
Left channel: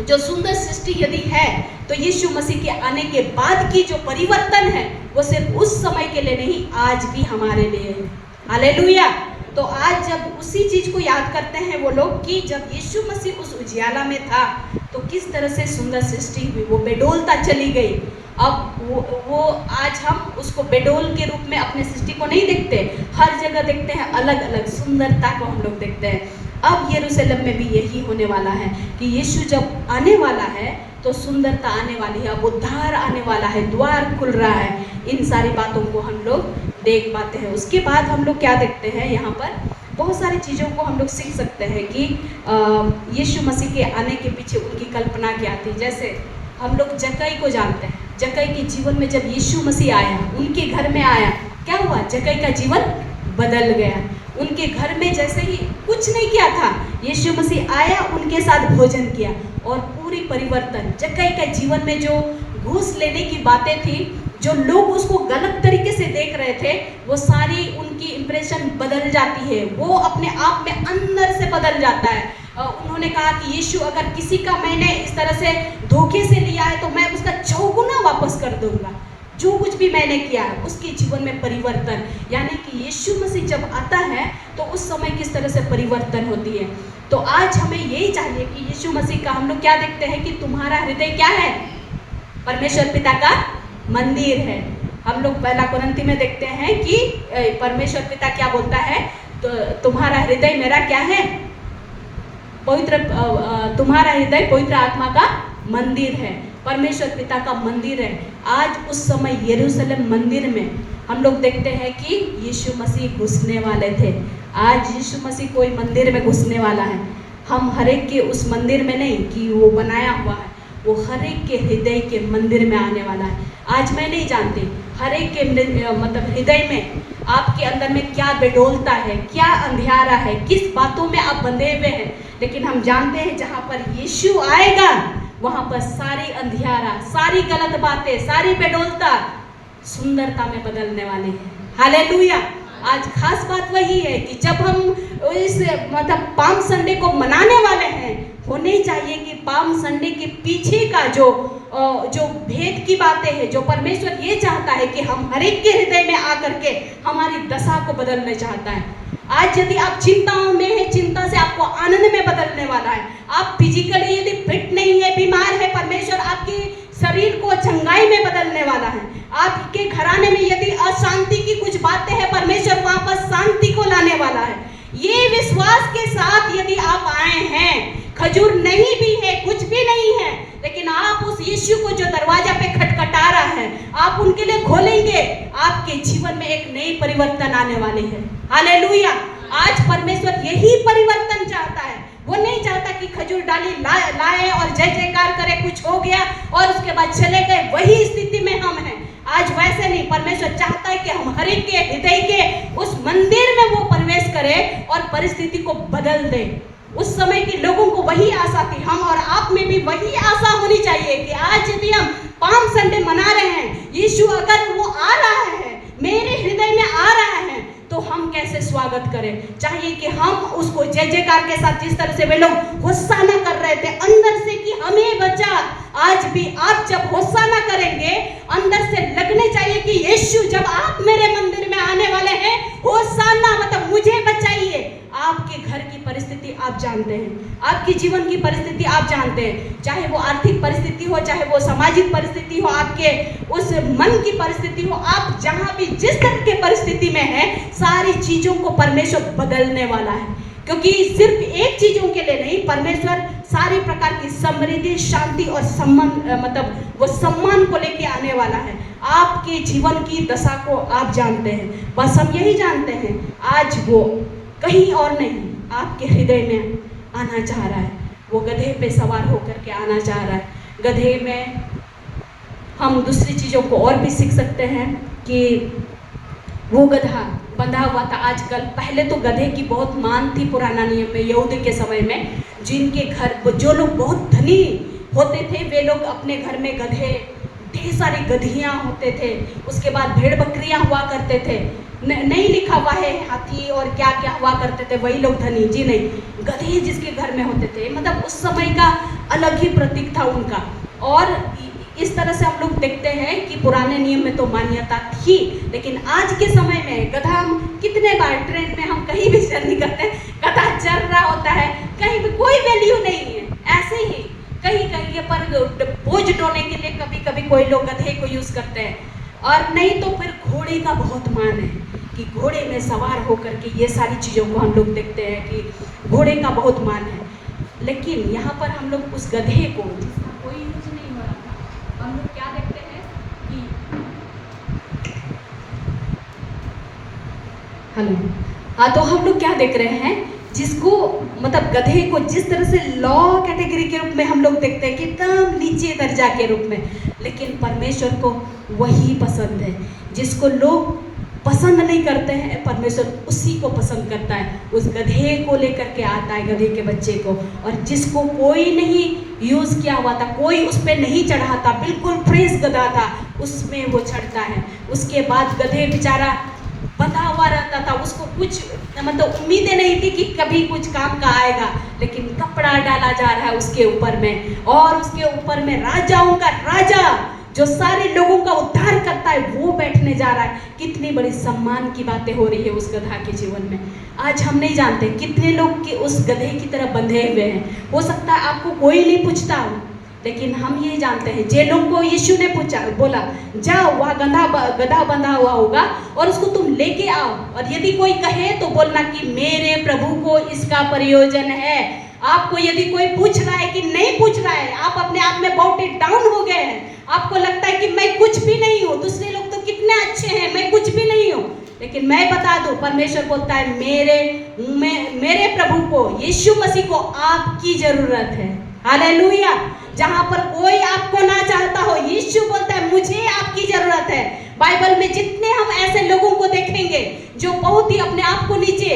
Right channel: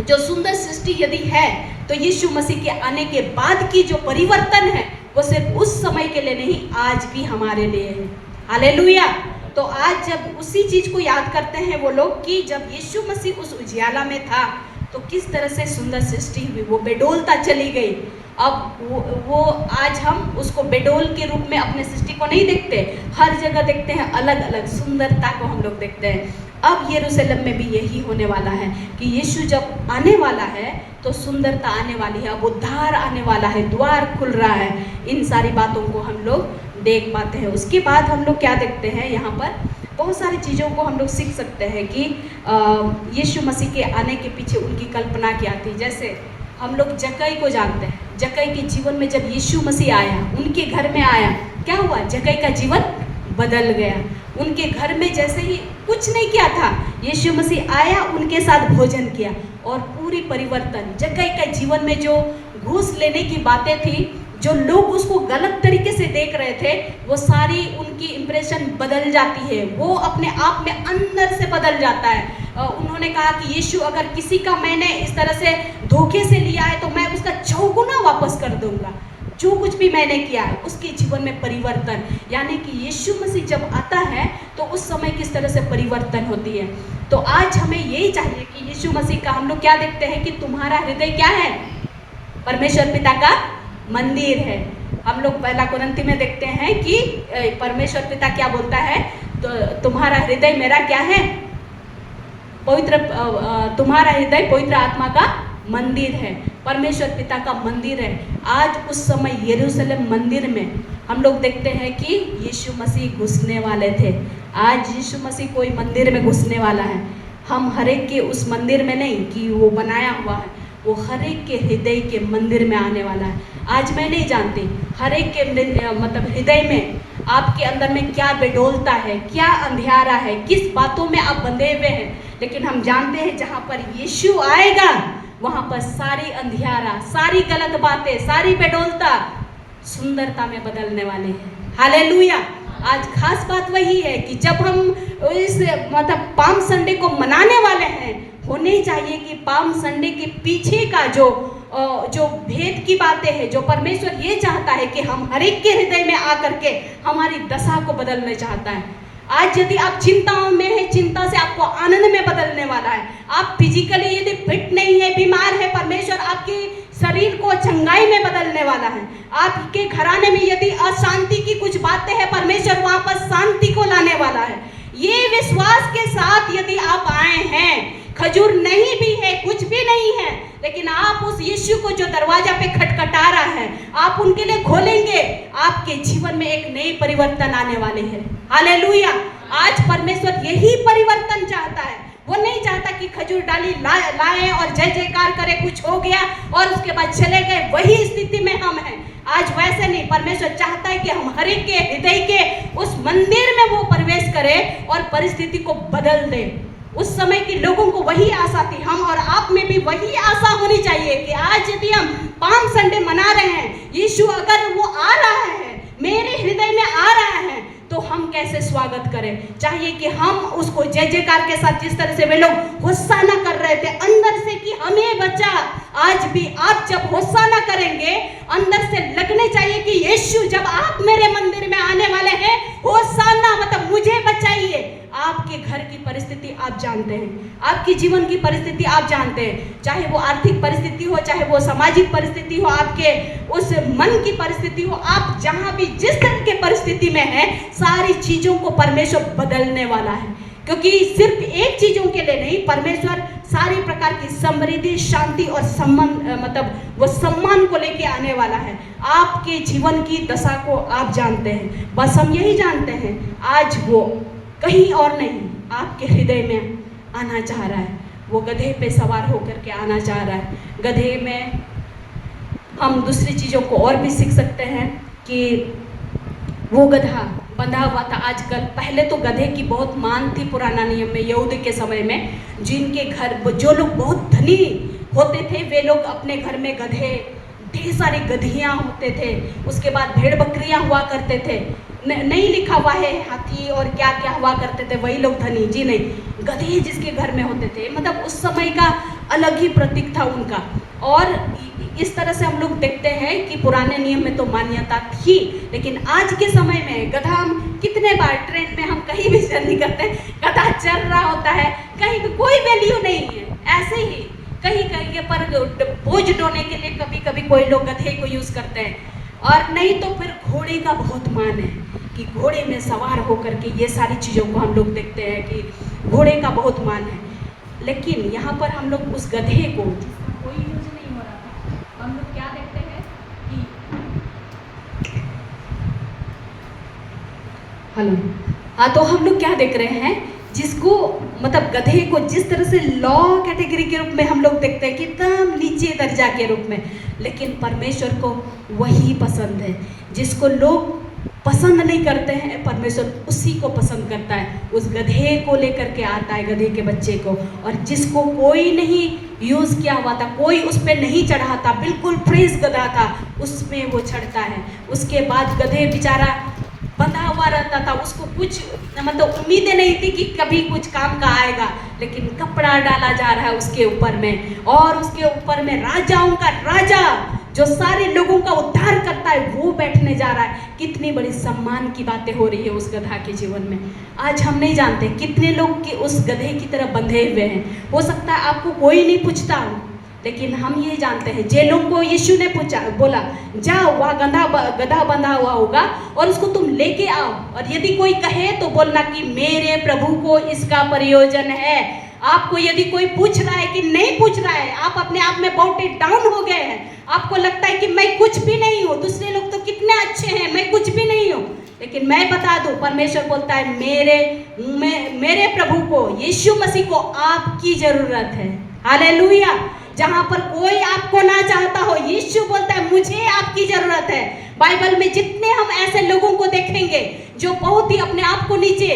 जो सुंदर सृष्टि यदि है, तो यीशु मसीह के आने के बाद की जो परिवर्तन है वो सिर्फ उस समय के लिए नहीं, आज भी हमारे लिए है। हालेलुया। तो आज जब उसी चीज को याद करते हैं वो लोग कि जब यीशु मसीह उस उजियाला में था तो किस तरह से सुंदर सृष्टि हुई, वो बेडौलता चली गई। अब वो आज हम उसको बेडौल के रूप में अपने सृष्टि को नहीं देखते, हर जगह देखते हैं, अलग अलग सुंदरता को हम लोग देखते हैं। अब यरूशलेम में भी यही होने वाला है कि यीशु जब आने वाला है तो सुंदरता आने वाली है, अब उद्धार आने वाला है, द्वार खुल रहा है। इन सारी बातों को हम लोग देख पाते हैं। उसके बाद हम लोग क्या देखते हैं? यहाँ पर बहुत सारी चीज़ों को हम लोग सीख सकते हैं कि यीशु मसीह के आने के पीछे उनकी कल्पना क्या थी। जैसे हम लोग जक्कई को जानते हैं। जक्कई के जीवन में जब यीशु मसीह आया, उनके घर में आया, क्या हुआ? जक्कई का जीवन बदल गया। उनके घर में जैसे ही कुछ नहीं किया था, यीशु मसीह आया, उनके साथ भोजन किया और पूरी परिवर्तन। जक्कई के जीवन में जो घूस लेने की बातें थी, जो लोग उसको गलत तरीके से देख रहे थे, वो सारी उनकी इंप्रेशन बदल जाती है। वो अपने आप में अंदर से बदल जाता है। उन्होंने कहा कि यीशु अगर किसी का मैंने इस तरह से धोखे से लिया है तो मैं उसका चौगुना वापस कर दूंगा। जो कुछ भी मैंने किया है, उसके जीवन में परिवर्तन, यानी कि यीशु मसीह जब आता है तो उस समय किस तरह से परिवर्तन होती है। तो आज हमें यही चाहिए कि यीशु मसीह का हम लोग क्या देखते हैं कि तुम्हारा हृदय क्या है? परमेश्वर पिता का मंदिर है। हम लोग पहला कुरिन्थी में देखते हैं कि परमेश्वर पिता क्या बोलता है? तो तुम्हारा हृदय मेरा क्या है? तुम्हारा हृदय पवित्र आत्मा का मंदिर है, परमेश्वर पिता का मंदिर है। आज उस समय यरूशलेम मंदिर में हम लोग देखते हैं कि यीशु मसीह घुसने वाले थे। आज यीशु मसीह कोई मंदिर में घुसने वाला है। हम हर एक के उस मंदिर में नहीं कि वो बनाया हुआ है, वो हर एक के हृदय के मंदिर में आने वाला है। आज मैं नहीं जानती हर एक के मतलब हृदय में आपके अंदर में क्या बेडौलता है, क्या अंधियारा है, किस बातों में आप बंधे हुए हैं। लेकिन हम जानते हैं जहाँ पर यीशु आएगा वहाँ पर सारी अंधियारा, सारी गलत बातें, सारी बेडौलता सुंदरता में बदलने वाले हैं। हालेलुया। आज खास बात वही है कि जब हम इस मतलब पाम संडे को मनाने वाले हैं, होने चाहिए कि पाम संडे के पीछे का जो भेद की बातें हैं, जो परमेश्वर ये चाहता है कि हम हर एक के हृदय में आकर के हमारी दशा को बदलना चाहता है। आज यदि आप चिंताओं में हैं, चिंता से आपको आनंद में बदलने वाला है। आप फिजिकली यदि फिट नहीं है, बीमार है, परमेश्वर आपकी शरीर को चंगाई में बदलने वाला है। आपके घराने में यदि अशांति की कुछ बातें हैं, परमेश्वर वहां पर शांति को लाने वाला है। ये विश्वास के साथ यदि आप आए हैं, खजूर नहीं भी है, कुछ भी नहीं है, लेकिन आप उस यीशु को जो दरवाजा पे खटखटा रहा है, आप उनके लिए खोलेंगे, आपके जीवन में एक नई परिवर्तन आने वाले हैं। हालेलुया। आज परमेश्वर यही परिवर्तन चाहता है। वो नहीं चाहता कि खजूर डाली लाए और जय जयकार करे, कुछ हो गया और उसके बाद चले गए, वही स्थिति में हम हैं। आज वैसे नहीं, परमेश्वर चाहता है कि हम हर एक के हृदय के उस मंदिर में वो प्रवेश करें और परिस्थिति को बदल दे। उस समय के लोगों को वही आशा थी, हम और आप में भी वही आशा होनी चाहिए कि आज यदि हम पाम संडे मना रहे हैं, यीशु अगर वो आ रहा है, मेरे हृदय में आ रहा है, तो हम कैसे स्वागत करें। चाहिए कि हम उसको जय जयकार के साथ, जिस तरह से वे लोग होशाना कर रहे थे अंदर से कि हमें बचा, आज भी आप जब होशाना करेंगे, अंदर से लगने चाहिए कि यीशु जब आप मेरे मंदिर में आने वाले हैं, होशाना मतलब मुझे बचाइए। आपके घर की परिस्थिति आप जानते हैं, आपकी जीवन की परिस्थिति आप जानते हैं, चाहे वो आर्थिक परिस्थिति हो, चाहे वो सामाजिक परिस्थिति हो, आपके उस मन की परिस्थिति हो, आप जहां भी जिस तरह की परिस्थिति में है, सारी चीजों को परमेश्वर बदलने वाला है। क्योंकि सिर्फ एक चीजों के लिए नहीं, परमेश्वर सारी प्रकार की समृद्धि, शांति और सम्मान मतलब वो सम्मान को लेके आने वाला है। आपके जीवन की दशा को आप जानते हैं, बस हम यही जानते हैं, आज वो कहीं और नहीं, आपके हृदय में आना चाह रहा है। वो गधे पे सवार होकर के आना चाह रहा है। गधे में हम दूसरी चीज़ों को और भी सीख सकते हैं कि वो गधा बंधा हुआ था। आजकल पहले तो गधे की बहुत मान थी पुराना नियम में, यहूदी के समय में, जिनके घर जो लोग बहुत धनी होते थे, वे लोग अपने घर में गधे, ढेर सारी गधियाँ होते थे, उसके बाद भेड़ बकरियाँ हुआ करते थे। नहीं लिखा हुआ है हाथी और क्या क्या हुआ करते थे, वही लोग धनी, जी नहीं, गधे जिसके घर में होते थे, मतलब उस समय का अलग ही प्रतीक था उनका। और इस तरह से हम लोग देखते हैं कि पुराने नियम में तो मान्यता थी, लेकिन आज के समय में गधा, हम कितने बार ट्रेन में हम कहीं भी जर्नी करते हैं, गधा चल रहा होता है, कहीं भी कोई वैल्यू नहीं है, ऐसे ही कहीं कहीं पर बोझ ढोने के लिए कभी कभी कोई लोग गधे को यूज करते हैं। और नहीं तो फिर घोड़े का बहुत मान है कि घोड़े में सवार होकर के ये सारी चीज़ों को हम लोग देखते हैं कि घोड़े का बहुत मान है। लेकिन यहाँ पर हम लोग उस गधे को, जिसका कोई यूज नहीं हो रहा था, हम लोग क्या देखते हैं कि हेलो, हाँ, तो हम लोग क्या देख रहे हैं, जिसको मतलब गधे को जिस तरह से लॉ कैटेगरी के रूप में हम लोग देखते हैं कि एकदम नीचे दर्जा के रूप में, लेकिन परमेश्वर को वही पसंद है। जिसको लोग पसंद नहीं करते हैं, परमेश्वर उसी को पसंद करता है। उस गधे को लेकर के आता है, गधे के बच्चे को, और जिसको कोई नहीं यूज़ किया हुआ था, कोई उस पर नहीं चढ़ा था, बिल्कुल फ्रेश गधा था, उसमें वो चढ़ता है। उसके बाद गधे बेचारा बंधा हुआ रहता था, उसको कुछ मतलब उम्मीदें नहीं थी कि कभी कुछ काम का आएगा, लेकिन कपड़ा डाला जा रहा है उसके ऊपर में, और उसके ऊपर में राजाओं का राजा जो सारे लोगों का उद्धार करता है, वो बैठने जा रहा है। कितनी बड़ी सम्मान की बातें हो रही है उस गधा के जीवन में। आज हम नहीं जानते कितने लोग कि उस गधे की तरह बंधे हुए हैं। हो सकता है आपको कोई नहीं पूछता, लेकिन हम ये जानते हैं, जेलों को यीशु ने पूछा, बोला जाओ, वहाँ गधा बंधा हुआ होगा और उसको तुम लेके आओ, और यदि कोई कहे तो बोलना कि मेरे प्रभु को इसका प्रयोजन है। आपको यदि कोई पूछ रहा है कि नहीं पूछ रहा है, आप अपने आप में बहुत डाउन हो गए हैं, आपको लगता है कि मैं कुछ भी नहीं हूँ, दूसरे लोग तो कितने अच्छे हैं, मैं कुछ भी नहीं हूँ, लेकिन मैं बता दूं, परमेश्वर बोलता है मेरे प्रभु को, यीशु मसीह को आपकी जरूरत है। हालेलुया। जहां पर कोई आपको ना चाहता हो, यीशु बोलता है मुझे आपकी जरूरत है। बाइबल में जितने हम ऐसे लोगों को देखेंगे जो बहुत ही अपने आप को नीचे,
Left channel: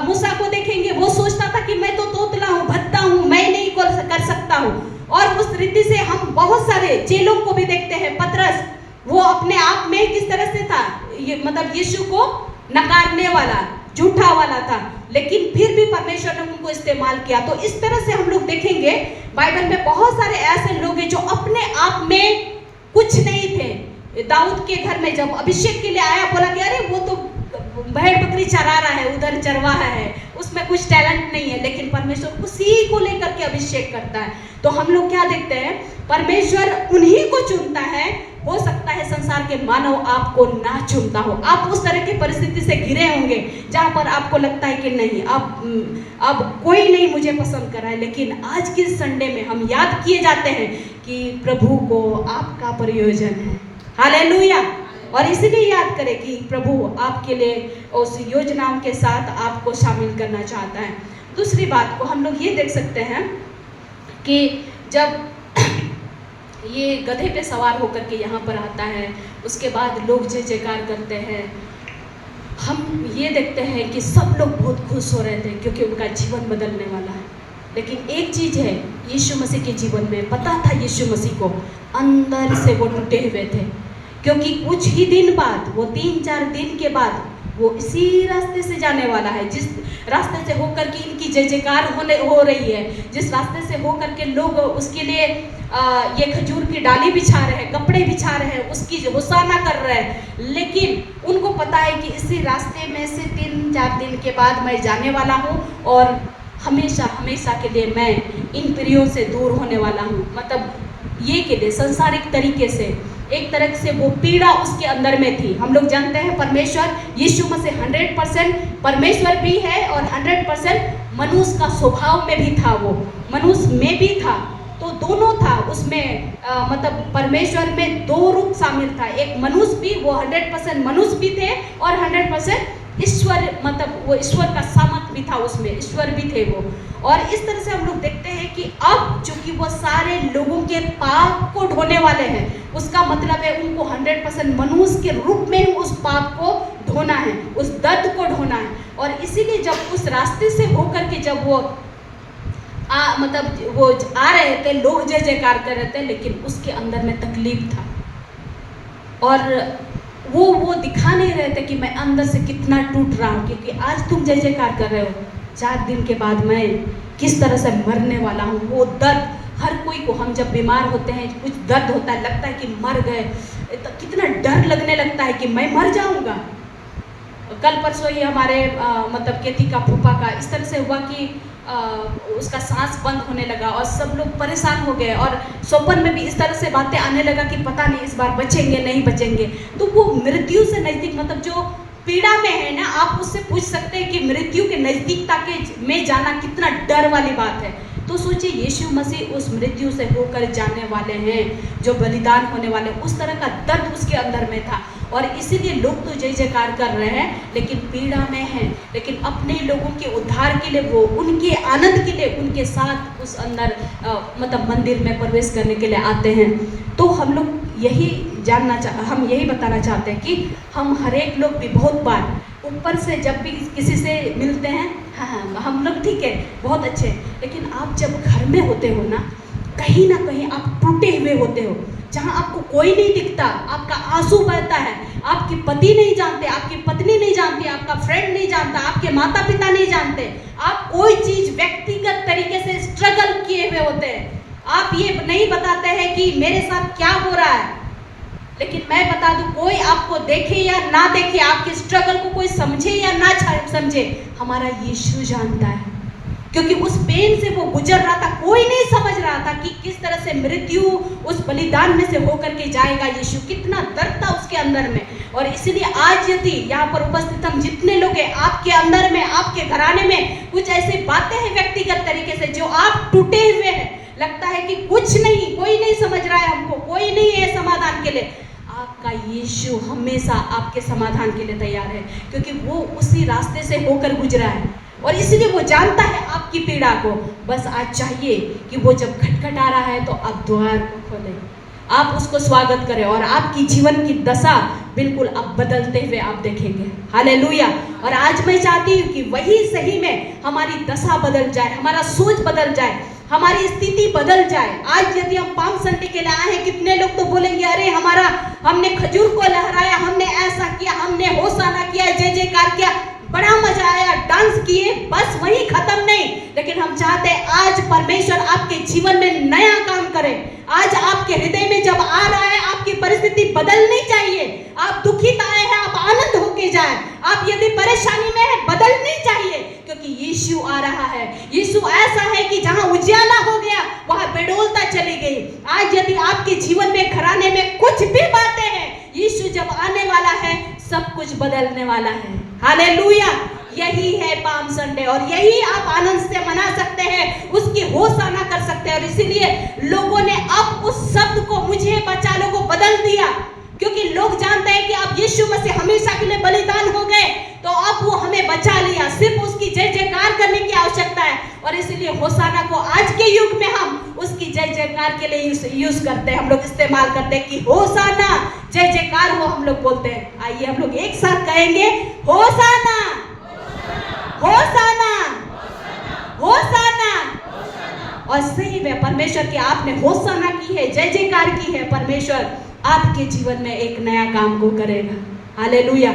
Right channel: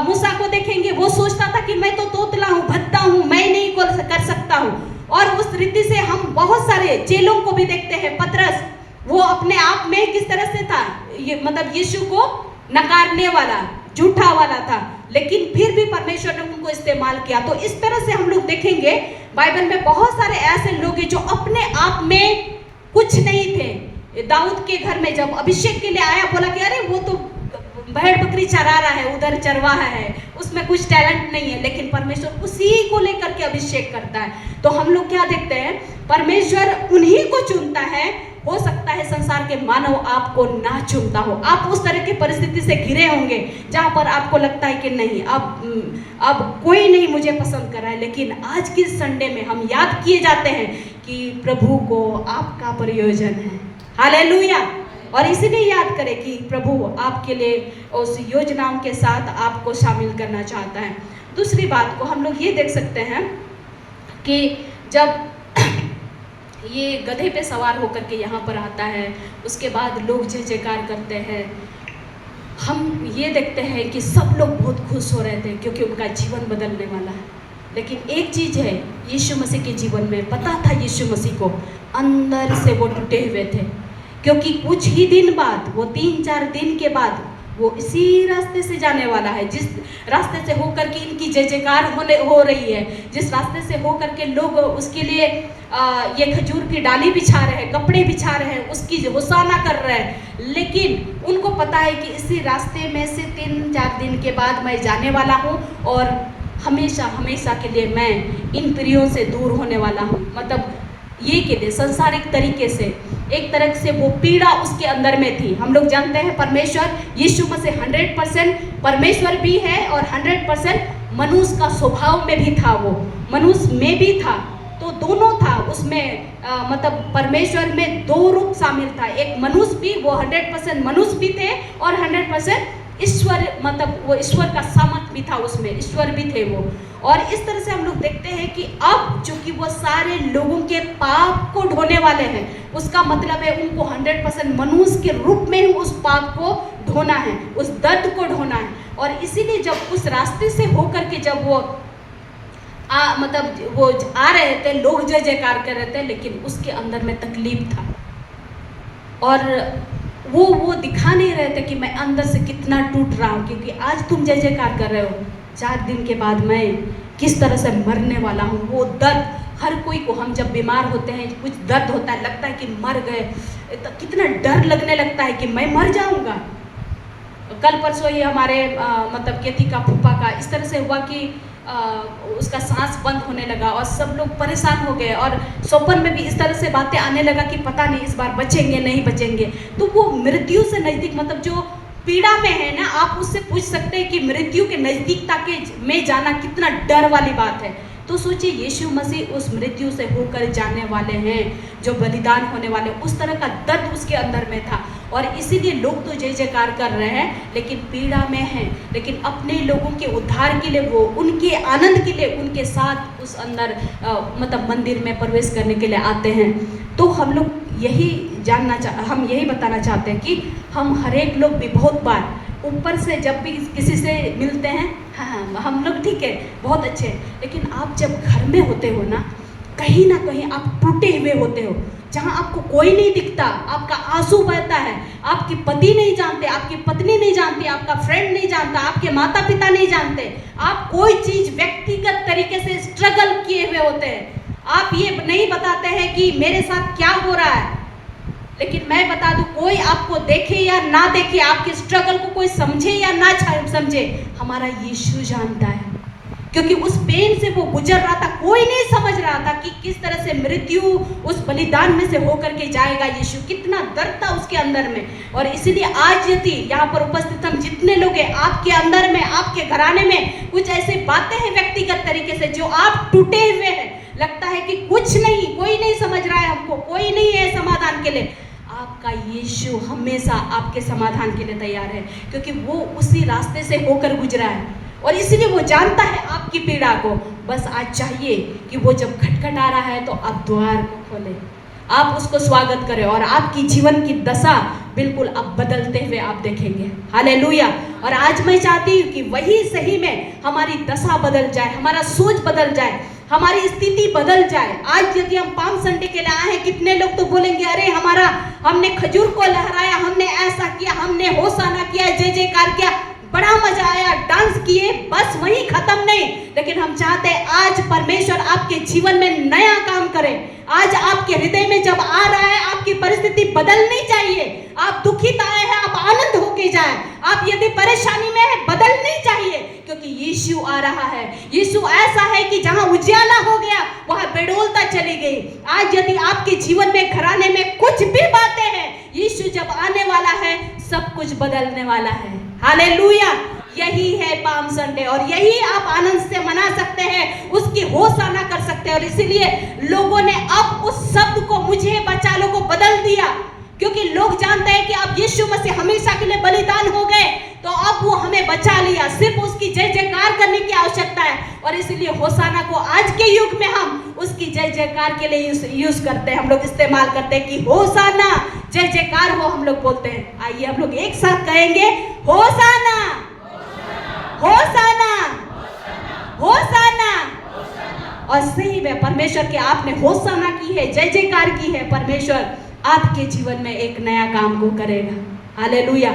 मूसा को देखेंगे, वो सोचता था कि मैं तो तोतला हूँ, भद्दा हूँ, मैं नहीं कर सकता हूँ, और उस रीति से हम बहुत सारे चेलों को भी देखते हैं। पतरस, वो अपने आप में किस तरह से था, ये मतलब यीशु को नकारने वाला, झूठा वाला था, लेकिन फिर भी परमेश्वर ने उनको इस्तेमाल किया। तो इस तरह से हम लोग देखेंगे बाइबल में बहुत सारे ऐसे लोग हैं जो अपने आप में कुछ नहीं थे। दाऊद के घर में जब अभिषेक के लिए आया, बोला कि अरे वो तो भेड़ बकरी चरा रहा है, उधर चरवाहा है, उसमें कुछ टैलेंट नहीं है, लेकिन परमेश्वर उसी को लेकर के अभिषेक करता है। तो हम लोग क्या देखते हैं, परमेश्वर उन्हीं को चुनता है। हो सकता है संसार के मानव आपको ना चुनता हो, आप उस तरह की परिस्थिति से घिरे होंगे जहां पर आपको लगता है कि नहीं, अब कोई नहीं मुझे पसंद कर रहा है, लेकिन आज की संडे में हम याद किए जाते हैं कि प्रभु को आपका प्रयोजन है। हालेलुया। और इसीलिए याद करें कि प्रभु आपके लिए उस योजनाओं के साथ आपको शामिल करना चाहता है। दूसरी बात को हम लोग ये देख सकते हैं कि जब ये गधे पे सवार होकर के यहाँ पर आता है, उसके बाद लोग जय जयकार करते हैं, हम ये देखते हैं कि सब लोग बहुत खुश हो रहे थे क्योंकि उनका जीवन बदलने वाला है। लेकिन एक चीज़ है, यीशु मसीह के जीवन में पता था, यीशु मसीह को अंदर से वो टूटे हुए थे, क्योंकि कुछ ही दिन बाद, वो 3-4 दिन के बाद वो इसी रास्ते से जाने वाला है, जिस रास्ते से होकर के इनकी जय जयकार हो रही है, जिस रास्ते से होकर के लोग उसके लिए ये खजूर की डाली बिछा रहे हैं, कपड़े बिछा रहे हैं, उसकी होसाना कर रहे हैं। लेकिन उनको पता है कि इसी रास्ते में से 3-4 दिन के बाद मैं जाने वाला हूँ और हमेशा हमेशा के लिए मैं इन प्रियों से दूर होने वाला हूँ। मतलब ये के लिए सांसारिक तरीके से एक तरह से वो पीड़ा उसके अंदर में थी। हम लोग जानते हैं परमेश्वर यीशु मसीह 100% परमेश्वर भी है और 100% मनुष्य का स्वभाव में भी था, वो मनुष्य में भी था, तो दोनों था उसमें। मतलब परमेश्वर में 2 रूप शामिल था, एक मनुष्य भी, वो 100% मनुष्य भी थे और 100% ईश्वर, मतलब वो ईश्वर का सामर्थ भी था उसमें, ईश्वर भी थे वो। और इस तरह से हम लोग देखते हैं कि अब चूंकि वो सारे लोगों के पाप को ढोने वाले हैं, उसका मतलब है उनको 100% मनुष्य के रूप में ही उस पाप को ढोना है, उस दर्द को ढोना है। और इसीलिए जब उस रास्ते से होकर के जब वो मतलब वो आ रहे थे, लोग जय जयकार कर रहे थे, लेकिन उसके अंदर में तकलीफ था और वो दिखा नहीं रहे थे कि मैं अंदर से कितना टूट रहा हूँ, क्योंकि आज तुम जय जयकार कर रहे हो, 4 दिन के बाद मैं किस तरह से मरने वाला हूँ। वो दर्द हर कोई को, हम जब बीमार होते हैं कुछ दर्द होता है, लगता है कि मर गए, कितना डर लगने लगता है कि मैं मर जाऊँगा। कल परसों ये हमारे मतलब केती का फूफा का इस तरह से हुआ कि उसका सांस बंद होने लगा और सब लोग परेशान हो गए और स्वप्न में भी इस तरह से बातें आने लगा कि पता नहीं इस बार बचेंगे नहीं बचेंगे। तो वो मृत्यु से नज़दीक, मतलब जो पीड़ा में है ना, आप उससे पूछ सकते हैं कि मृत्यु के नज़दीकता के में जाना कितना डर वाली बात है। तो सोचिए यीशु मसीह उस मृत्यु से होकर जाने वाले हैं, जो बलिदान होने वाले, उस तरह का दर्द उसके अंदर में था। और इसीलिए लोग तो जय जयकार कर रहे हैं लेकिन पीड़ा में हैं, लेकिन अपने लोगों के उद्धार के लिए, वो उनके आनंद के लिए उनके साथ उस अंदर मतलब मंदिर में प्रवेश करने के लिए आते हैं। तो हम लोग यही हम यही बताना चाहते हैं कि हम हर एक लोग भी बहुत बार ऊपर से जब भी किसी से मिलते हैं, हाँ हम लोग ठीक है, बहुत अच्छे, लेकिन आप जब घर में होते हो ना कहीं आप टूटे हुए होते हो, जहाँ आपको कोई नहीं दिखता, आपका आंसू बहता है, आपके पति नहीं जानते, आपकी पत्नी नहीं जानती, आपका फ्रेंड नहीं जानता, आपके माता पिता नहीं जानते, आप कोई चीज़ व्यक्तिगत तरीके से स्ट्रगल किए हुए होते हैं। आप ये नहीं बताते हैं कि मेरे साथ क्या हो रहा है, लेकिन मैं बता दूं, कोई आपको देखे या ना देखे, आपके स्ट्रगल को कोई समझे या ना समझे, हमारा यीशु जानता है, क्योंकि उस पेन से वो गुजर रहा था। कोई नहीं समझ रहा था कि किस तरह से मृत्यु उस बलिदान में से होकर के जाएगा। यीशु कितना दर्द था उसके अंदर में। और इसलिए आज यदि यहाँ पर उपस्थित हम जितने लोग हैं, आपके अंदर में, आपके घराने में कुछ ऐसी बातें हैं व्यक्तिगत तरीके से जो आप टूटे हुए हैं, लगता है कि कुछ नहीं, कोई नहीं समझ रहा है हमको, कोई नहीं है समाधान के लिए, आपका यीशु हमेशा आपके समाधान के लिए तैयार है, क्योंकि वो उसी रास्ते से होकर गुजरा है और इसीलिए वो जानता है आपकी पीड़ा को। बस आज चाहिए कि वो जब खटखट आ रहा है तो आप द्वार को खोलें, आप उसको स्वागत करें और आपकी जीवन की दशा बिल्कुल आप बदलते हुए आप देखेंगे। हालेलुया। और आज मैं चाहती हूँ कि वही सही में हमारी दशा बदल जाए, हमारा सोच बदल जाए, हमारी स्थिति बदल जाए। आज यदि हम पाम संडे के लिए आए हैं, कितने लोग तो बोलेंगे अरे हमने खजूर को लहराया, हमने ऐसा किया, हमने होसाना किया, जय जयकार किया, बड़ा मजा आया, डांस किए, बस वही खत्म नहीं। लेकिन हम चाहते हैं आज परमेश्वर आपके जीवन में नया काम करे। आज आपके हृदय में जब आ रहा है, आपकी परिस्थिति बदलनी चाहिए। आप दुखित आए हैं, आप आनंद होके जाए। आप यदि परेशानी में है, बदलनी चाहिए, क्योंकि यीशु आ रहा है। यीशु ऐसा है कि जहां उजियाला हो गया वहां बेडोलता चली गई। आज यदि आपके जीवन में, घराने में कुछ भी बातें हैं, यीशु जब आने वाला है सब कुछ बदलने वाला है। हालेलुया। यही है पाम संडे, और यही आप आनंद से मना सकते हैं, उसकी होसाना कर सकते हैं। और इसीलिए लोगों ने अब उस शब्द को मुझे बचा लो को बदल दिया, क्योंकि लोग जानते हैं कि अब यीशु मसीह हमेशा के लिए बलिदान हो गए, तो अब वो हमें बचा लिया। सिर्फ उसकी जय जयकार करने की आवश्यकता है, और इसीलिए होसाना को आज के युग में हम उसकी जय जयकार के लिए यूज करते हैं। हम लोग इस्तेमाल करते हैं कि होसाना, जय जयकार हो, हम लोग बोलते हैं। आइए हम लोग एक साथ कहेंगे, होसाना, होसाना, होसाना। और सही में परमेश्वर की आपने होसाना की है, जय जयकार की है, परमेश्वर आपके जीवन में एक नया काम को करेगा। हालेलुया।